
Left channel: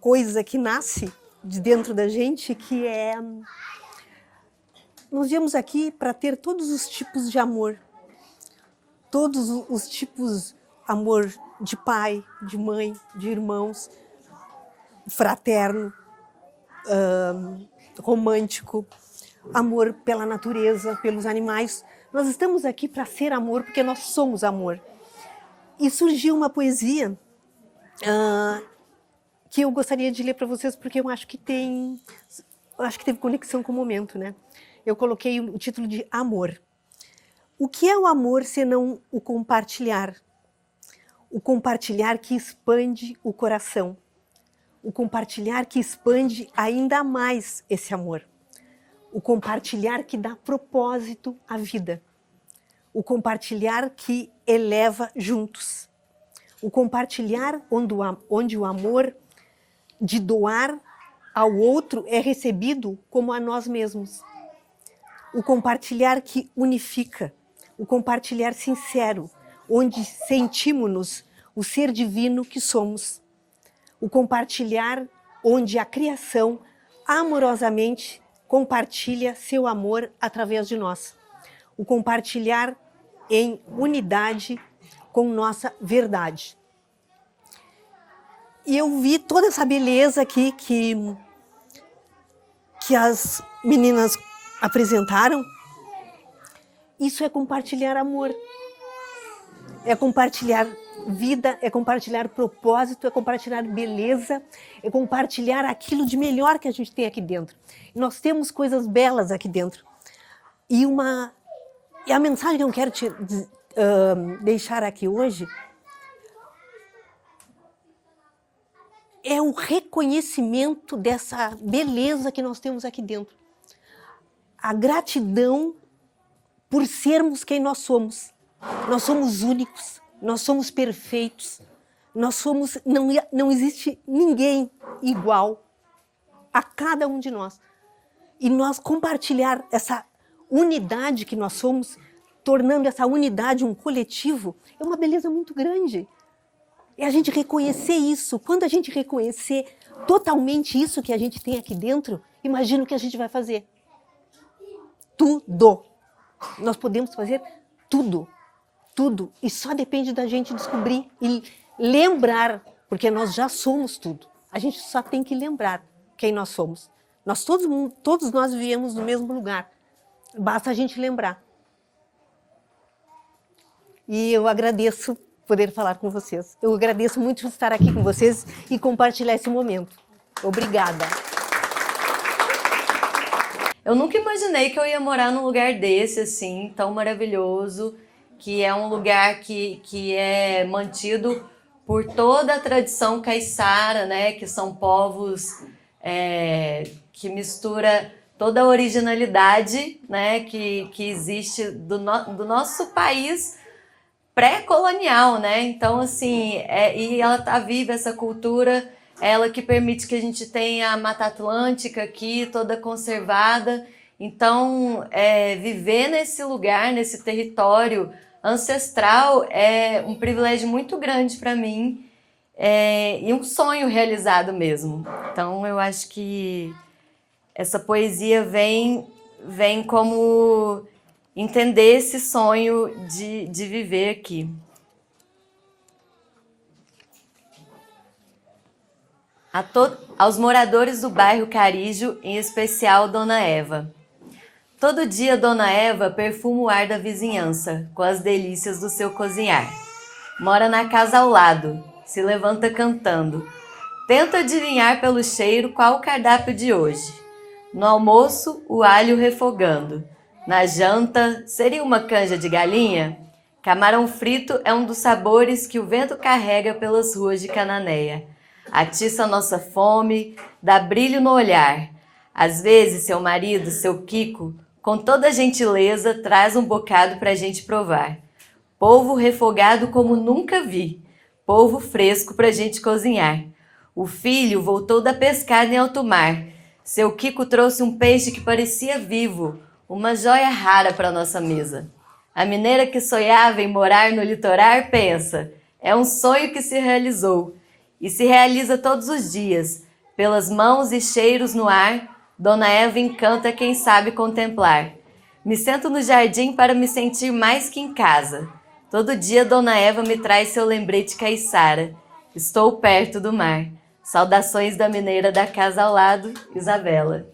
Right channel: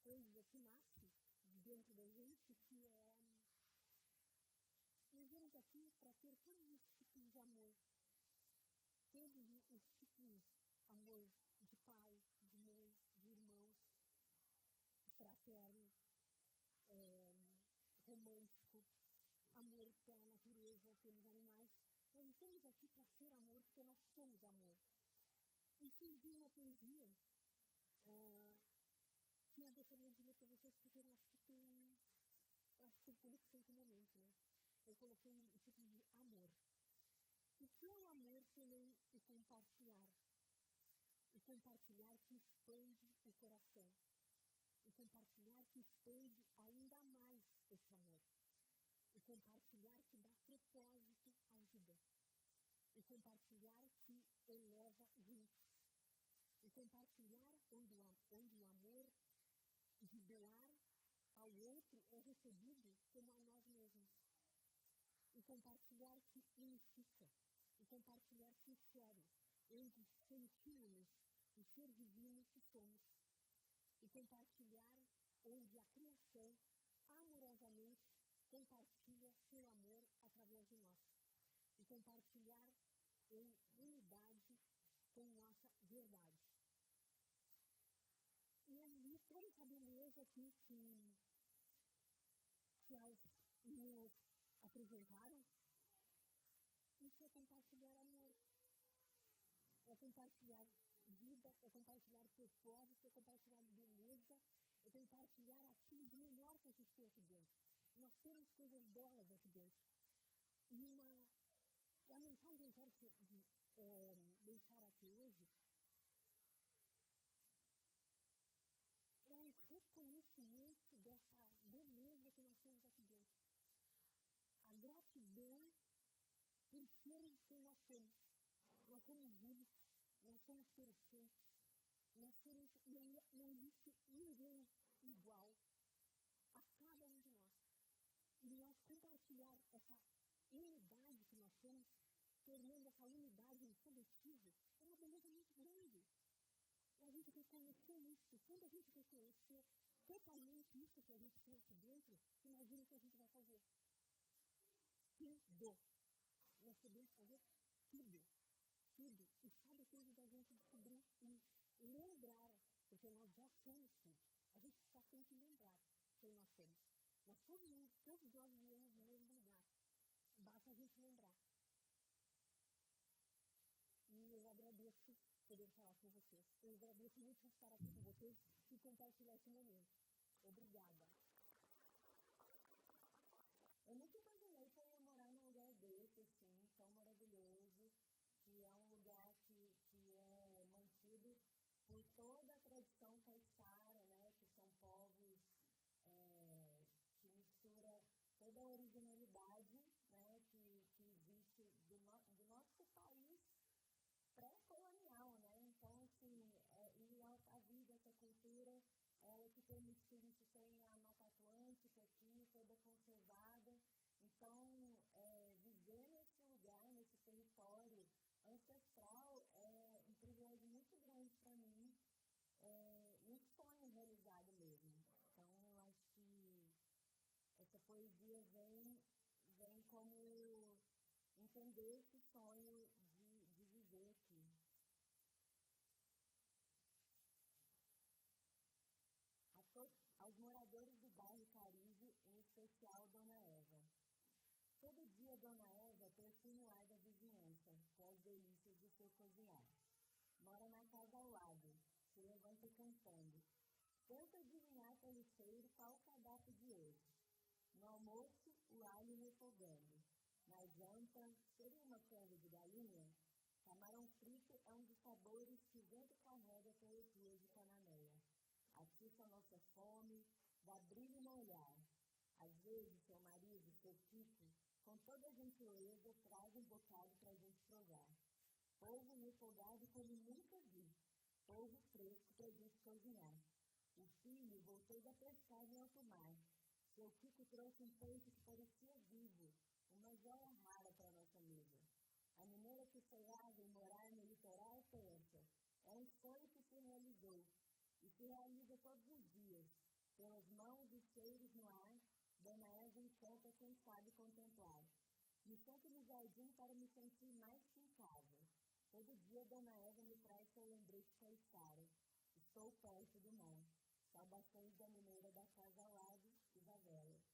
coisa que nasce de dentro da gente, que é... Nós viemos aqui para ter todos os tipos de amor. Todos os tipos, amor de pai, de mãe, de irmãos, fraterno, romântico, amor pela natureza, pelos animais. Nós estamos aqui para ser amor, porque nós somos amor. E surgiu uma poesia que eu gostaria de ler para vocês, porque eu acho que teve conexão com o momento, né? Eu coloquei o título de Amor. O que é o amor senão o compartilhar? O compartilhar que expande o coração. O compartilhar que expande ainda mais esse amor. O compartilhar que dá propósito à vida. O compartilhar que eleva juntos. O compartilhar onde o amor de doar ao outro é recebido como a nós mesmos. O compartilhar que unifica. O compartilhar sincero, onde sentimos-nos o ser divino que somos. O compartilhar onde a criação amorosamente compartilha seu amor através de nós. O compartilhar em unidade com nossa verdade. E eu vi toda essa beleza aqui que as meninas apresentaram. Isso é compartilhar amor. É compartilhar vida, é compartilhar propósito, é compartilhar beleza, é compartilhar aquilo de melhor que a gente tem aqui dentro. E nós temos coisas belas aqui dentro. E a mensagem que eu quero deixar aqui hoje é o reconhecimento dessa beleza que nós temos aqui dentro. A gratidão por sermos quem nós somos. Nós somos únicos, nós somos perfeitos, não existe ninguém igual a cada um de nós. E nós compartilhar essa unidade que nós somos, tornando essa unidade um coletivo, é uma beleza muito grande. É a gente reconhecer isso. Quando a gente reconhecer totalmente isso que a gente tem aqui dentro, imagina o que a gente vai fazer. Tudo. Nós podemos fazer tudo, tudo. E só depende da gente descobrir e lembrar, porque nós já somos tudo. A gente só tem que lembrar quem nós somos. Todos nós viemos no mesmo lugar. Basta a gente lembrar. E eu agradeço poder falar com vocês. Eu agradeço muito estar aqui com vocês e compartilhar esse momento. Obrigada. Eu nunca imaginei que eu ia morar num lugar desse, assim, tão maravilhoso, que é um lugar que é mantido por toda a tradição caiçara, né? Que são povos que mistura toda a originalidade, né? Que existe do nosso país pré-colonial, né? Então, assim, e ela tá viva, essa cultura, ela que permite que a gente tenha a Mata Atlântica aqui, toda conservada. Então, viver nesse lugar, nesse território ancestral, é um privilégio muito grande para mim e um sonho realizado mesmo. Então, eu acho que essa poesia vem como entender esse sonho de viver aqui. Aos moradores do bairro Carijo, em especial Dona Eva. Todo dia Dona Eva perfuma o ar da vizinhança, com as delícias do seu cozinhar. Mora na casa ao lado, se levanta cantando. Tenta adivinhar pelo cheiro qual o cardápio de hoje. No almoço, o alho refogando. Na janta, seria uma canja de galinha? Camarão frito é um dos sabores que o vento carrega pelas ruas de Cananéia. Atiça nossa fome, dá brilho no olhar. Às vezes, seu marido, seu Kiko, com toda gentileza, traz um bocado pra gente provar. Polvo refogado como nunca vi. Polvo fresco pra gente cozinhar. O filho voltou da pescada em alto mar. Seu Kiko trouxe um peixe que parecia vivo, uma joia rara para nossa mesa. A mineira que sonhava em morar no litoral pensa, É um sonho que se realizou e se realiza todos os dias. Pelas mãos e cheiros no ar, Dona Eva encanta quem sabe contemplar. Me sento no jardim para me sentir mais que em casa. Todo dia Dona Eva me traz seu lembrete caiçara. Estou perto do mar. Saudações da mineira da casa ao lado, Isabela.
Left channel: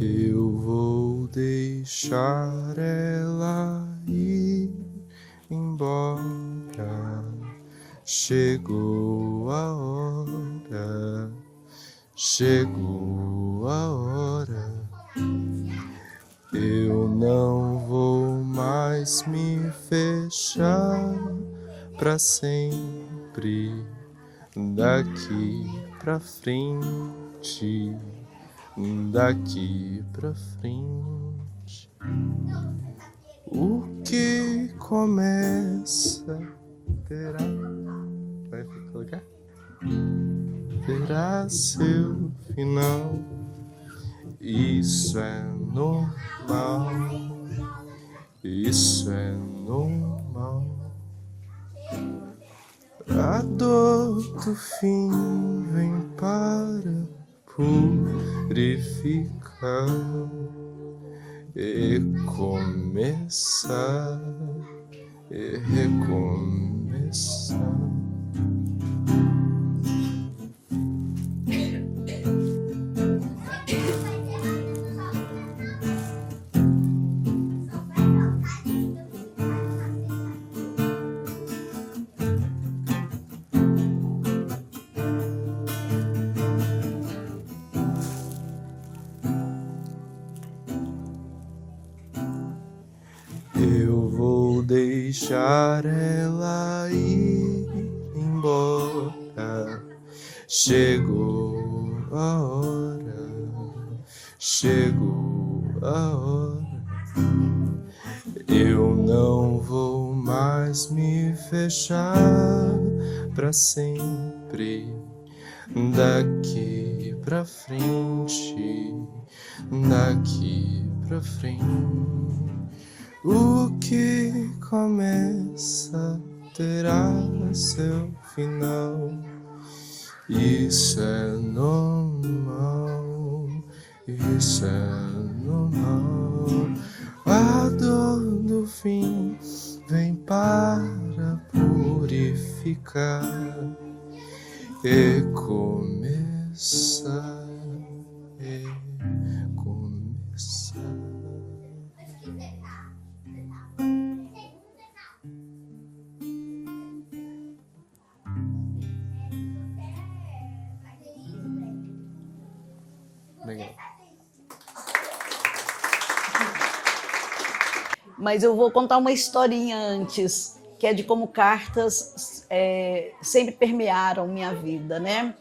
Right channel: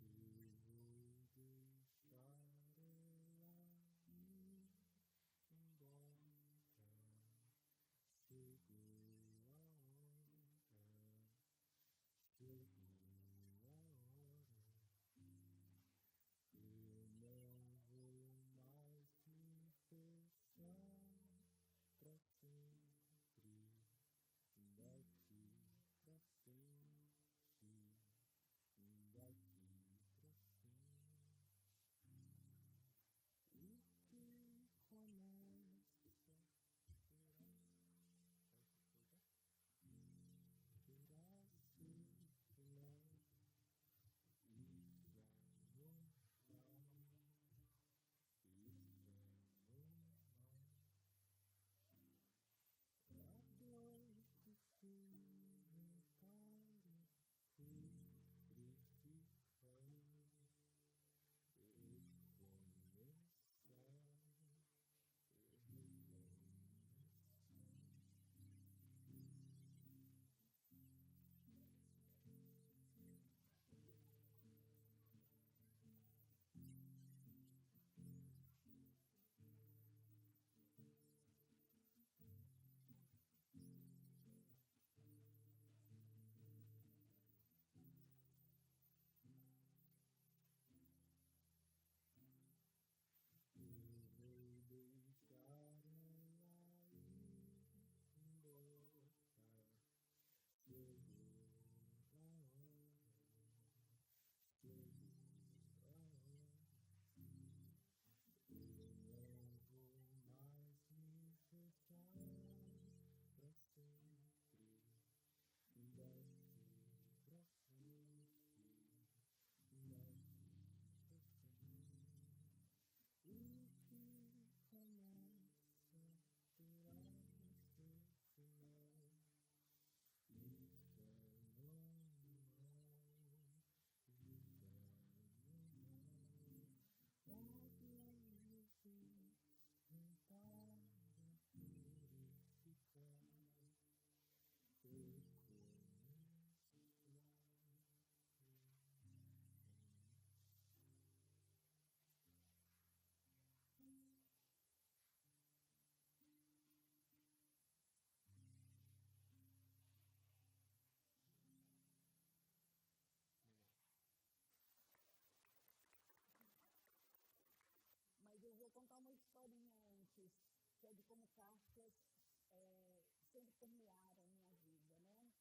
Eu vou deixar ela ir embora. Chegou a hora, chegou a hora. Eu não vou mais me fechar pra sempre. Daqui pra frente. Daqui pra frente, o que começa terá, vai colocar? Terá seu final. Isso é normal. Isso é normal. A dor do fim vem para purificar e começar e recomeçar. Eu vou deixar ela ir embora. Chegou a hora, chegou a hora. Eu não vou mais me fechar pra sempre. Daqui pra frente, daqui pra frente. O que começa terá seu final. Isso é normal. Isso é normal. A dor do fim vem para purificar e começar. Legal. Mas eu vou contar uma historinha antes, que é de como cartas sempre permearam minha vida, né?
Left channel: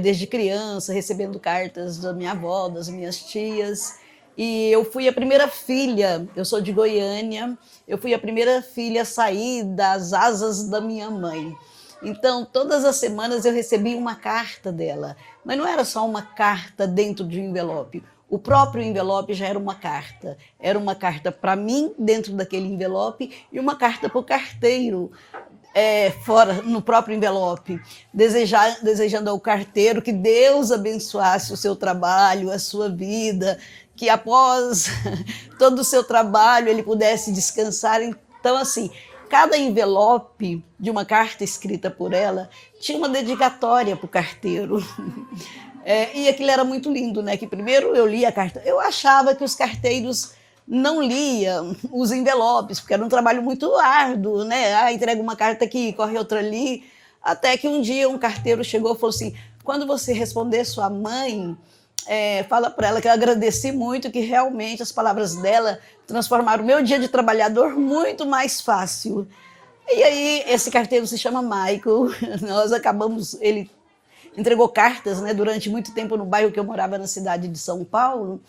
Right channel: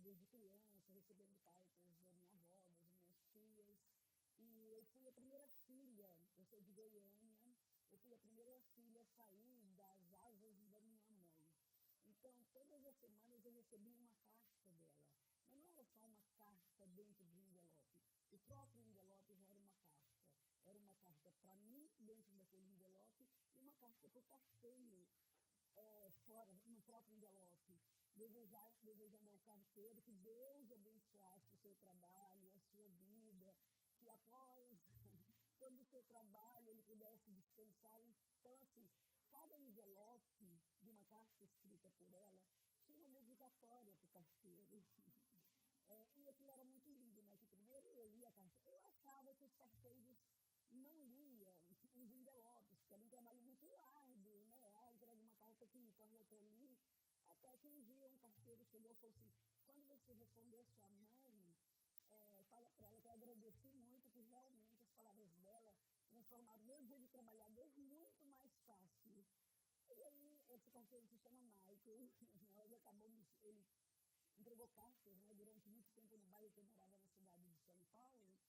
Desde criança, recebendo cartas da minha avó, das minhas tias. E eu fui a primeira filha, eu sou de Goiânia, eu fui a primeira filha a sair das asas da minha mãe. Então, todas as semanas eu recebia uma carta dela, mas não era só uma carta dentro de um envelope. O próprio envelope já era uma carta. Era uma carta para mim, dentro daquele envelope, e uma carta para o carteiro, fora, no próprio envelope, desejando ao carteiro que Deus abençoasse o seu trabalho, a sua vida, que após todo o seu trabalho ele pudesse descansar. Então, assim, cada envelope de uma carta escrita por ela tinha uma dedicatória para o carteiro. E aquilo era muito lindo, né? Que primeiro eu li a carta. Eu achava que os carteiros não liam os envelopes, porque era um trabalho muito árduo, né? Entrega uma carta aqui, corre outra ali. Até que um dia um carteiro chegou e falou assim: quando você responder sua mãe, fala para ela que eu agradeci muito, que realmente as palavras dela transformaram o meu dia de trabalhador muito mais fácil. E aí esse carteiro se chama Michael. Nós acabamos, ele entregou cartas, né, durante muito tempo no bairro que eu morava, na cidade de São Paulo.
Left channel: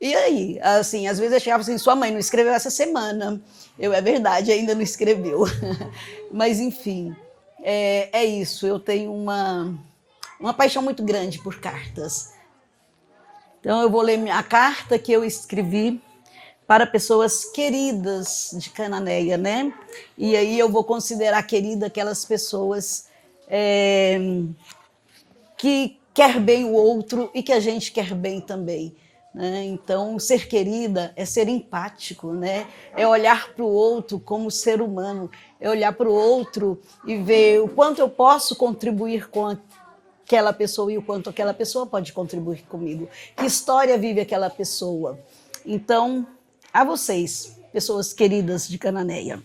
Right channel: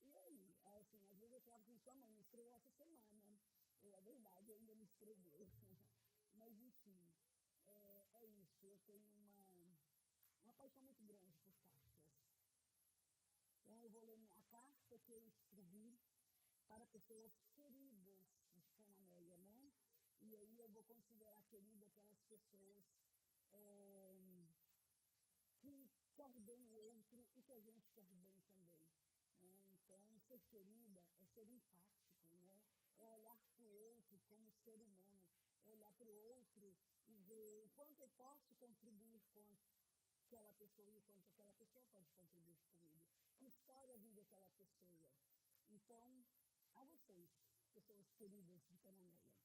E aí, assim, às vezes eu chegava assim: sua mãe não escreveu essa semana. É verdade, ainda não escreveu. Mas, enfim. é isso, eu tenho uma paixão muito grande por cartas. Então eu vou ler a carta que eu escrevi para pessoas queridas de Cananéia, né? E aí eu vou considerar querida aquelas pessoas que quer bem o outro e que a gente quer bem também, né? Então, ser querida é ser empático, né? É olhar para o outro como ser humano, é olhar para o outro e ver o quanto eu posso contribuir com aquela pessoa e o quanto aquela pessoa pode contribuir comigo. Que história vive aquela pessoa? Então, a vocês, pessoas queridas de Cananéia,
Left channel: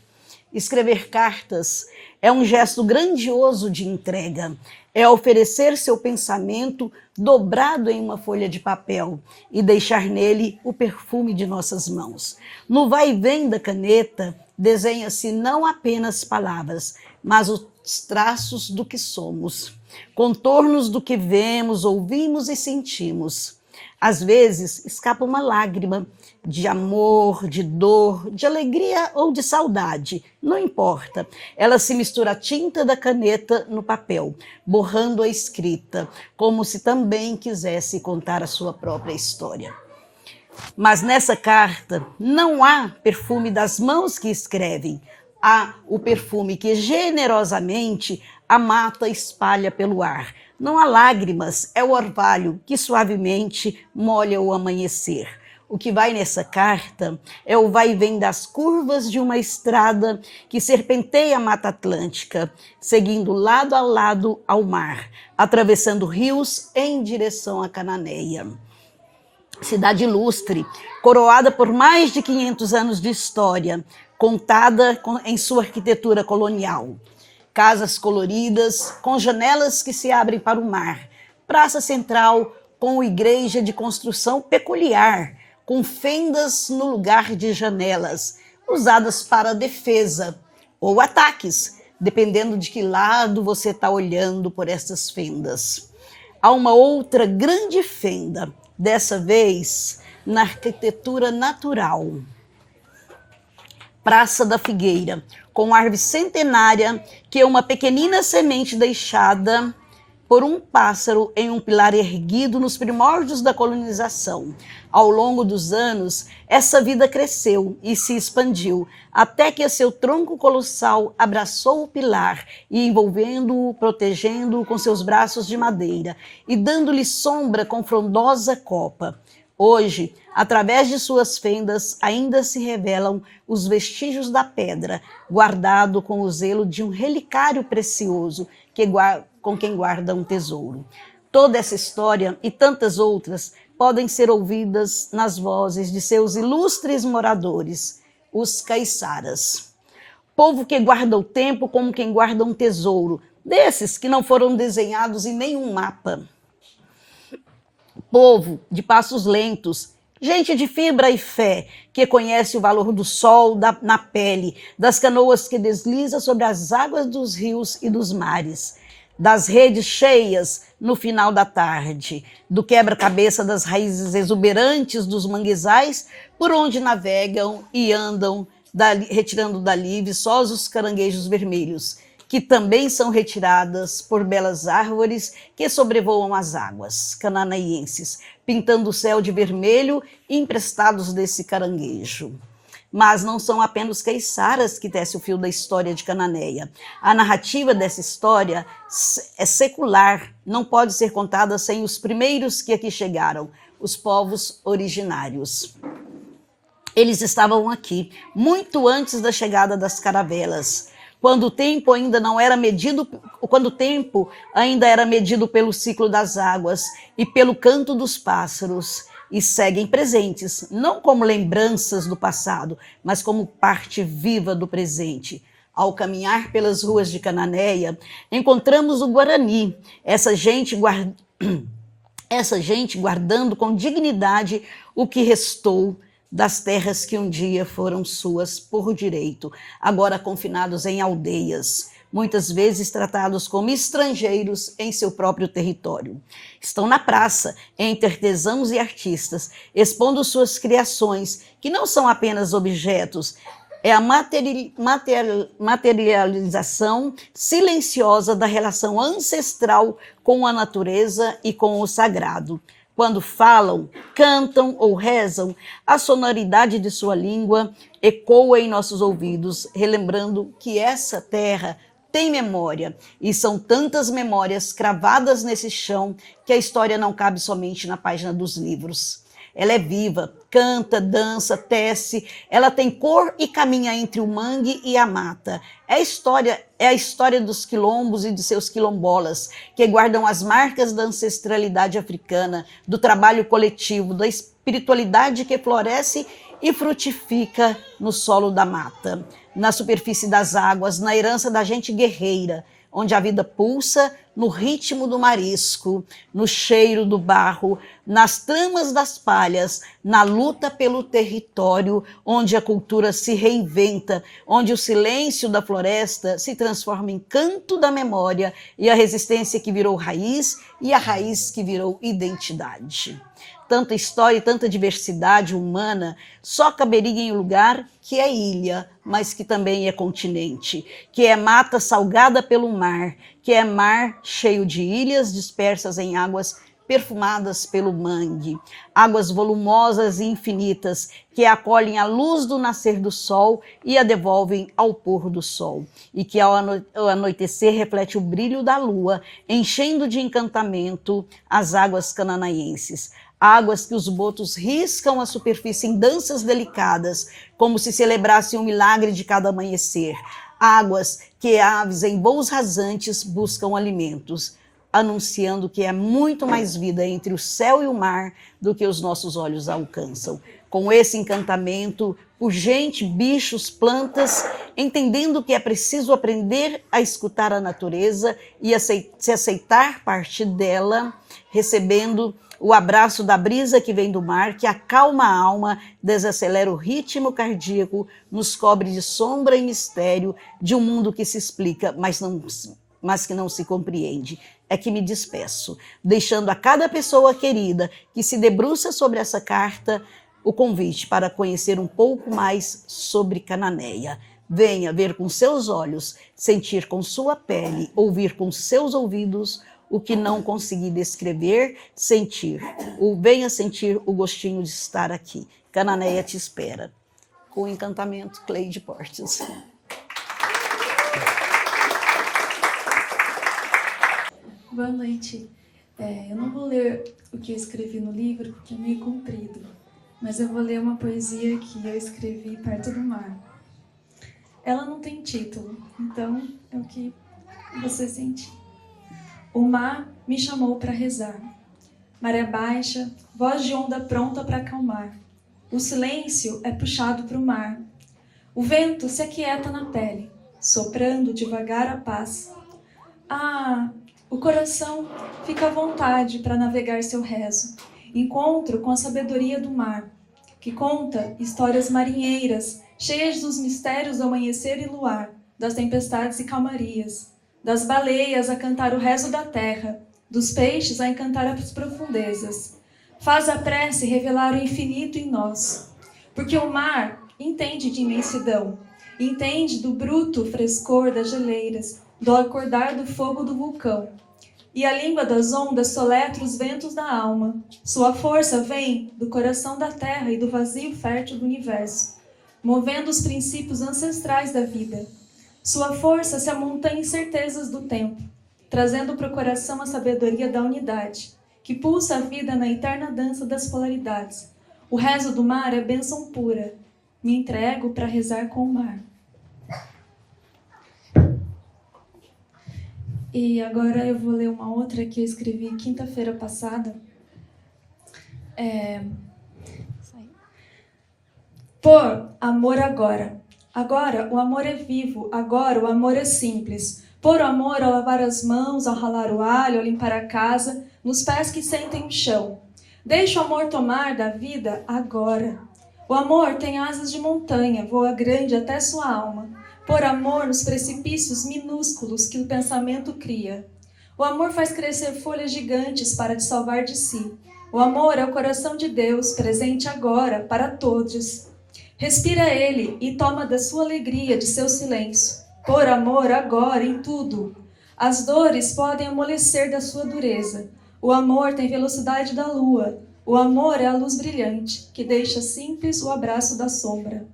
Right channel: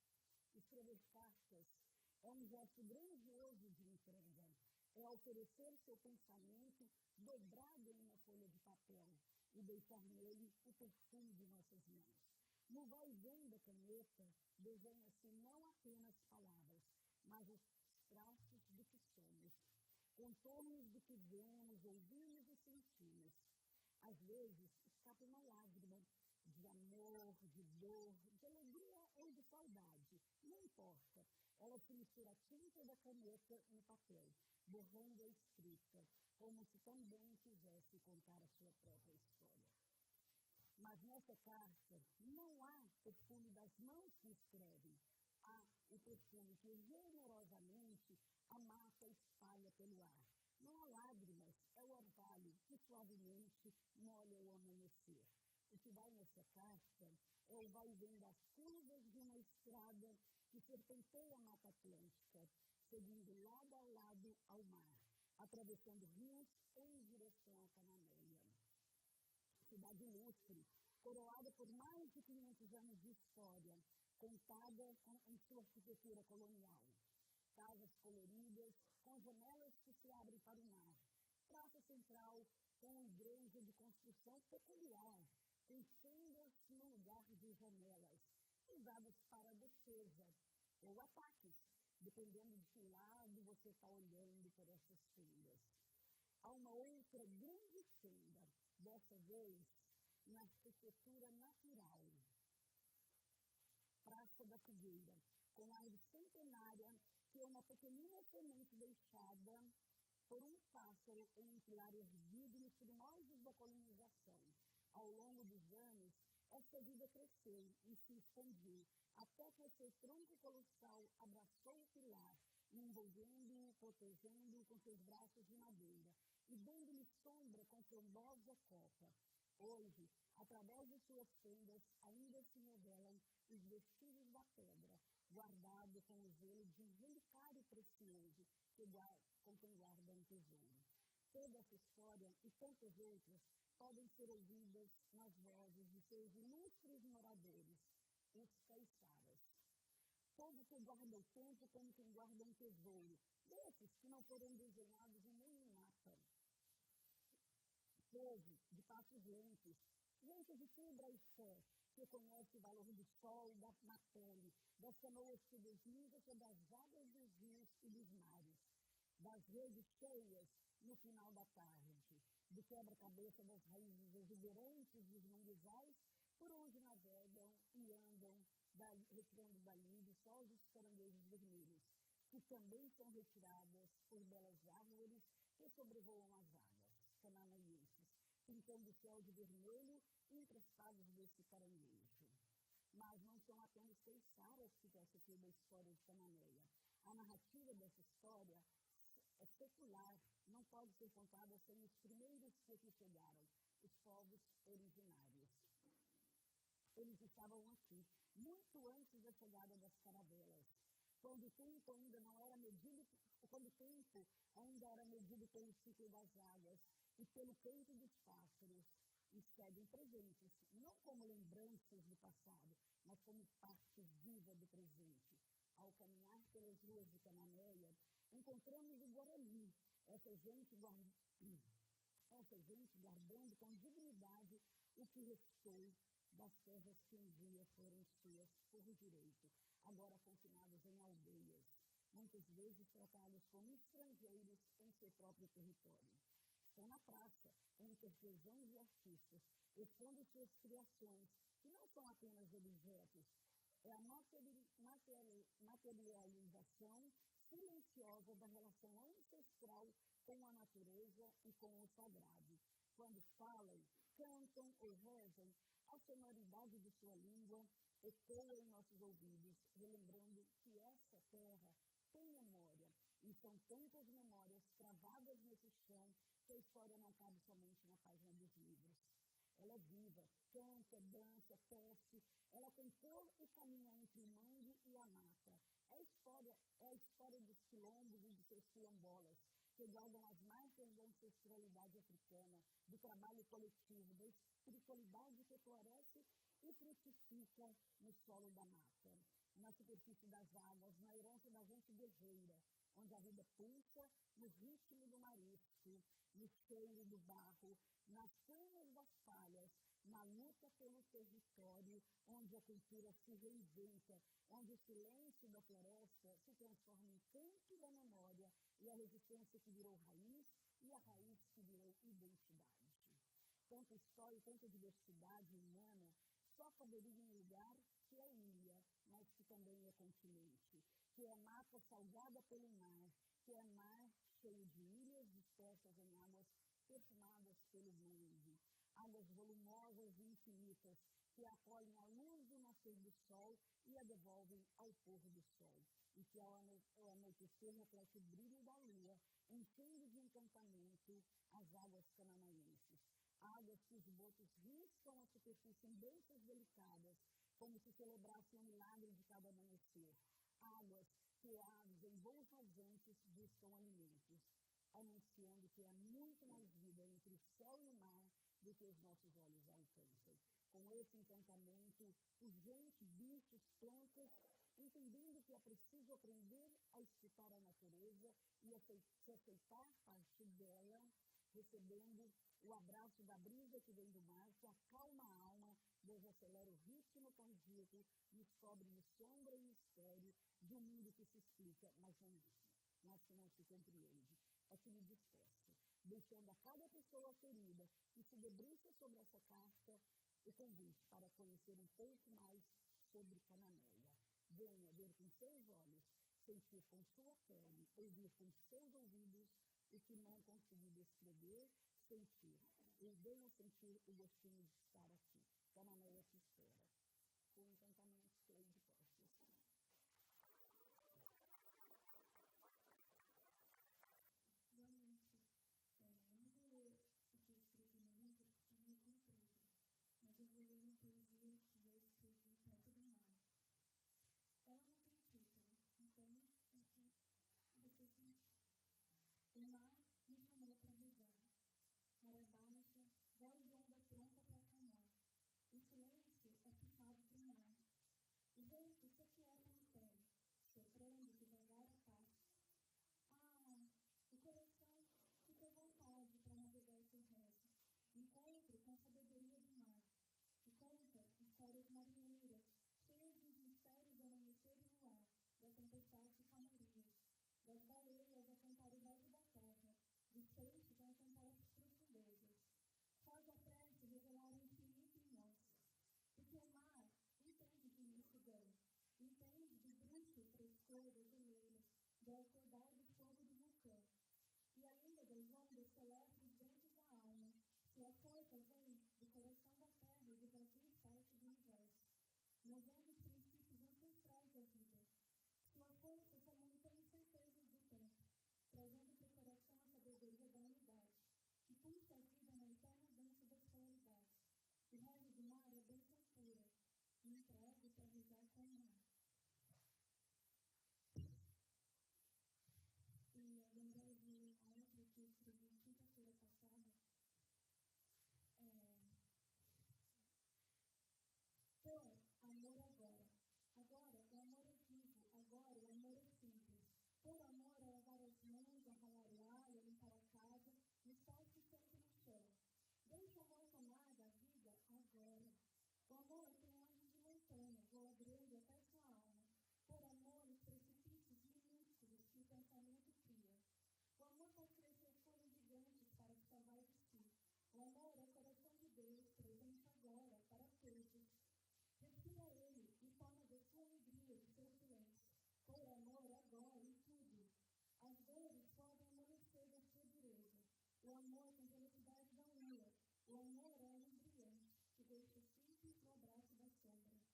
escrever cartas é um gesto grandioso de entrega. É oferecer seu pensamento dobrado em uma folha de papel e deixar nele o perfume de nossas mãos. No vai e vem da caneta, desenha-se não apenas palavras, mas os traços do que somos, contornos do que vemos, ouvimos e sentimos. Às vezes, escapa uma lágrima de amor, de dor, de alegria ou de saudade, não importa. Ela se mistura à tinta da caneta no papel, borrando a escrita, como se também quisesse contar a sua própria história. Mas nessa carta não há perfume das mãos que escrevem, há o perfume que generosamente a mata espalha pelo ar. Não há lágrimas, é o orvalho que suavemente molha o amanhecer. O que vai nessa carta é o vai e vem das curvas de uma estrada que serpenteia a Mata Atlântica, seguindo lado a lado ao mar, atravessando rios em direção a Cananéia. Cidade ilustre, coroada por mais de 500 anos de história, contada em sua arquitetura colonial. Casas coloridas, com janelas que se abrem para o mar. Praça central, com igreja de construção peculiar, com fendas no lugar de janelas, usadas para defesa ou ataques, dependendo de que lado você está olhando por essas fendas. Há uma outra grande fenda, dessa vez na arquitetura natural. Praça da Figueira, com árvore centenária que é uma pequenina semente deixada por um pássaro em um pilar erguido nos primórdios da colonização. Ao longo dos anos, essa vida cresceu e se expandiu, até que seu tronco colossal abraçou o pilar e envolvendo-o, protegendo-o com seus braços de madeira e dando-lhe sombra com frondosa copa. Hoje, através de suas fendas, ainda se revelam os vestígios da pedra, guardado com o zelo de um relicário precioso com quem guarda um tesouro. Toda essa história e tantas outras podem ser ouvidas nas vozes de seus ilustres moradores, os caiçaras. Povo que guarda o tempo como quem guarda um tesouro, desses que não foram desenhados em nenhum mapa. Povo de passos lentos, gente de fibra e fé, que conhece o valor do sol na pele, das canoas que deslizam sobre as águas dos rios e dos mares, das redes cheias no final da tarde, do quebra-cabeça das raízes exuberantes dos manguezais, por onde navegam e andam, retirando dali viçosos caranguejos vermelhos, que também são retiradas por belas árvores que sobrevoam as águas cananaienses, pintando o céu de vermelho emprestados desse caranguejo. Mas não são apenas caiçaras que tecem o fio da história de Cananéia. A narrativa dessa história é secular, não pode ser contada sem os primeiros que aqui chegaram, os povos originários. Eles estavam aqui, muito antes da chegada das caravelas, quando o tempo ainda era medido pelo ciclo das águas e pelo canto dos pássaros, e seguem presentes, não como lembranças do passado, mas como parte viva do presente. Ao caminhar pelas ruas de Cananéia, encontramos o Guarani, essa gente guardando com dignidade o que restou das terras que um dia foram suas por direito, agora confinados em aldeias, muitas vezes tratados como estrangeiros em seu próprio território. Estão na praça, entre artesãos e artistas, expondo suas criações, que não são apenas objetos, é a materialização silenciosa da relação ancestral com a natureza e com o sagrado. Quando falam, cantam ou rezam, a sonoridade de sua língua ecoa em nossos ouvidos, relembrando que essa terra tem memória, e são tantas memórias cravadas nesse chão que a história não cabe somente na página dos livros. Ela é viva, canta, dança, tece, ela tem cor e caminha entre o mangue e a mata. É a história dos quilombos e de seus quilombolas, que guardam as marcas da ancestralidade africana, do trabalho coletivo, da espiritualidade que floresce e frutifica no solo da mata, na superfície das águas, na herança da gente guerreira, onde a vida pulsa no ritmo do marisco, no cheiro do barro, nas tramas das palhas, na luta pelo território, onde a cultura se reinventa, onde o silêncio da floresta se transforma em canto da memória e a resistência que virou raiz e a raiz que virou identidade. Tanta história e tanta diversidade humana só caberia em um lugar que é ilha, mas que também é continente, que é mata salgada pelo mar, que é mar cheio de ilhas dispersas em águas perfumadas pelo mangue, águas volumosas e infinitas que acolhem a luz do nascer do sol e a devolvem ao pôr do sol, e que ao anoitecer reflete o brilho da lua, enchendo de encantamento as águas cananaenses. Águas que os botos riscam a superfície em danças delicadas, como se celebrassem um milagre de cada amanhecer. Águas que aves em voos rasantes buscam alimentos, anunciando que há muito mais vida entre o céu e o mar do que os nossos olhos alcançam. Com esse encantamento por gente, bichos, plantas, entendendo que é preciso aprender a escutar a natureza e se aceitar parte dela, recebendo o abraço da brisa que vem do mar, que acalma a alma, desacelera o ritmo cardíaco, nos cobre de sombra e mistério de um mundo que se explica, mas que não se compreende. É que me despeço, deixando a cada pessoa querida que se debruça sobre essa carta o convite para conhecer um pouco mais sobre Cananéia. Venha ver com seus olhos, sentir com sua pele, ouvir com seus ouvidos o que não consegui descrever, sentir. Ou venha sentir o gostinho de estar aqui. Cananéia te espera. Com encantamento, Cleide Portes. Boa noite. Eu não vou ler o que eu escrevi no livro, porque é meio comprido, mas eu vou ler uma poesia que eu escrevi perto do mar. Ela não tem título, então é o que você sentir. O mar me chamou para rezar. Maré baixa, voz de onda pronta para acalmar. O silêncio é puxado para o mar. O vento se aquieta na pele, soprando devagar a paz. O coração fica à vontade para navegar seu rezo. Encontro com a sabedoria do mar, que conta histórias marinheiras, cheias dos mistérios do amanhecer e luar, das tempestades e calmarias, das baleias a cantar o rezo da terra, dos peixes a encantar as profundezas. Faz a prece revelar o infinito em nós, porque o mar entende de imensidão, entende do bruto frescor das geleiras, do acordar do fogo do vulcão. E a língua das ondas soletra os ventos da alma. Sua força vem do coração da terra e do vazio fértil do universo, movendo os princípios ancestrais da vida. Sua força se amontanha em certezas do tempo, trazendo para o coração a sabedoria da unidade, que pulsa a vida na eterna dança das polaridades. O rezo do mar é bênção pura. Me entrego para rezar com o mar. E agora eu vou ler uma outra que eu escrevi quinta-feira passada. Por amor agora. Agora o amor é vivo, agora o amor é simples. Por amor ao lavar as mãos, ao ralar o alho, ao limpar a casa, nos pés que sentem o chão. Deixa o amor tomar da vida agora. O amor tem asas de montanha, voa grande até sua alma. Por amor nos precipícios minúsculos que o pensamento cria. O amor faz crescer folhas gigantes para te salvar de si. O amor é o coração de Deus, presente agora para todos. Respira ele e toma da sua alegria, de seu silêncio. Por amor, agora, em tudo. As dores podem amolecer da sua dureza. O amor tem velocidade da lua. O amor é a luz brilhante, que deixa simples o abraço da sombra.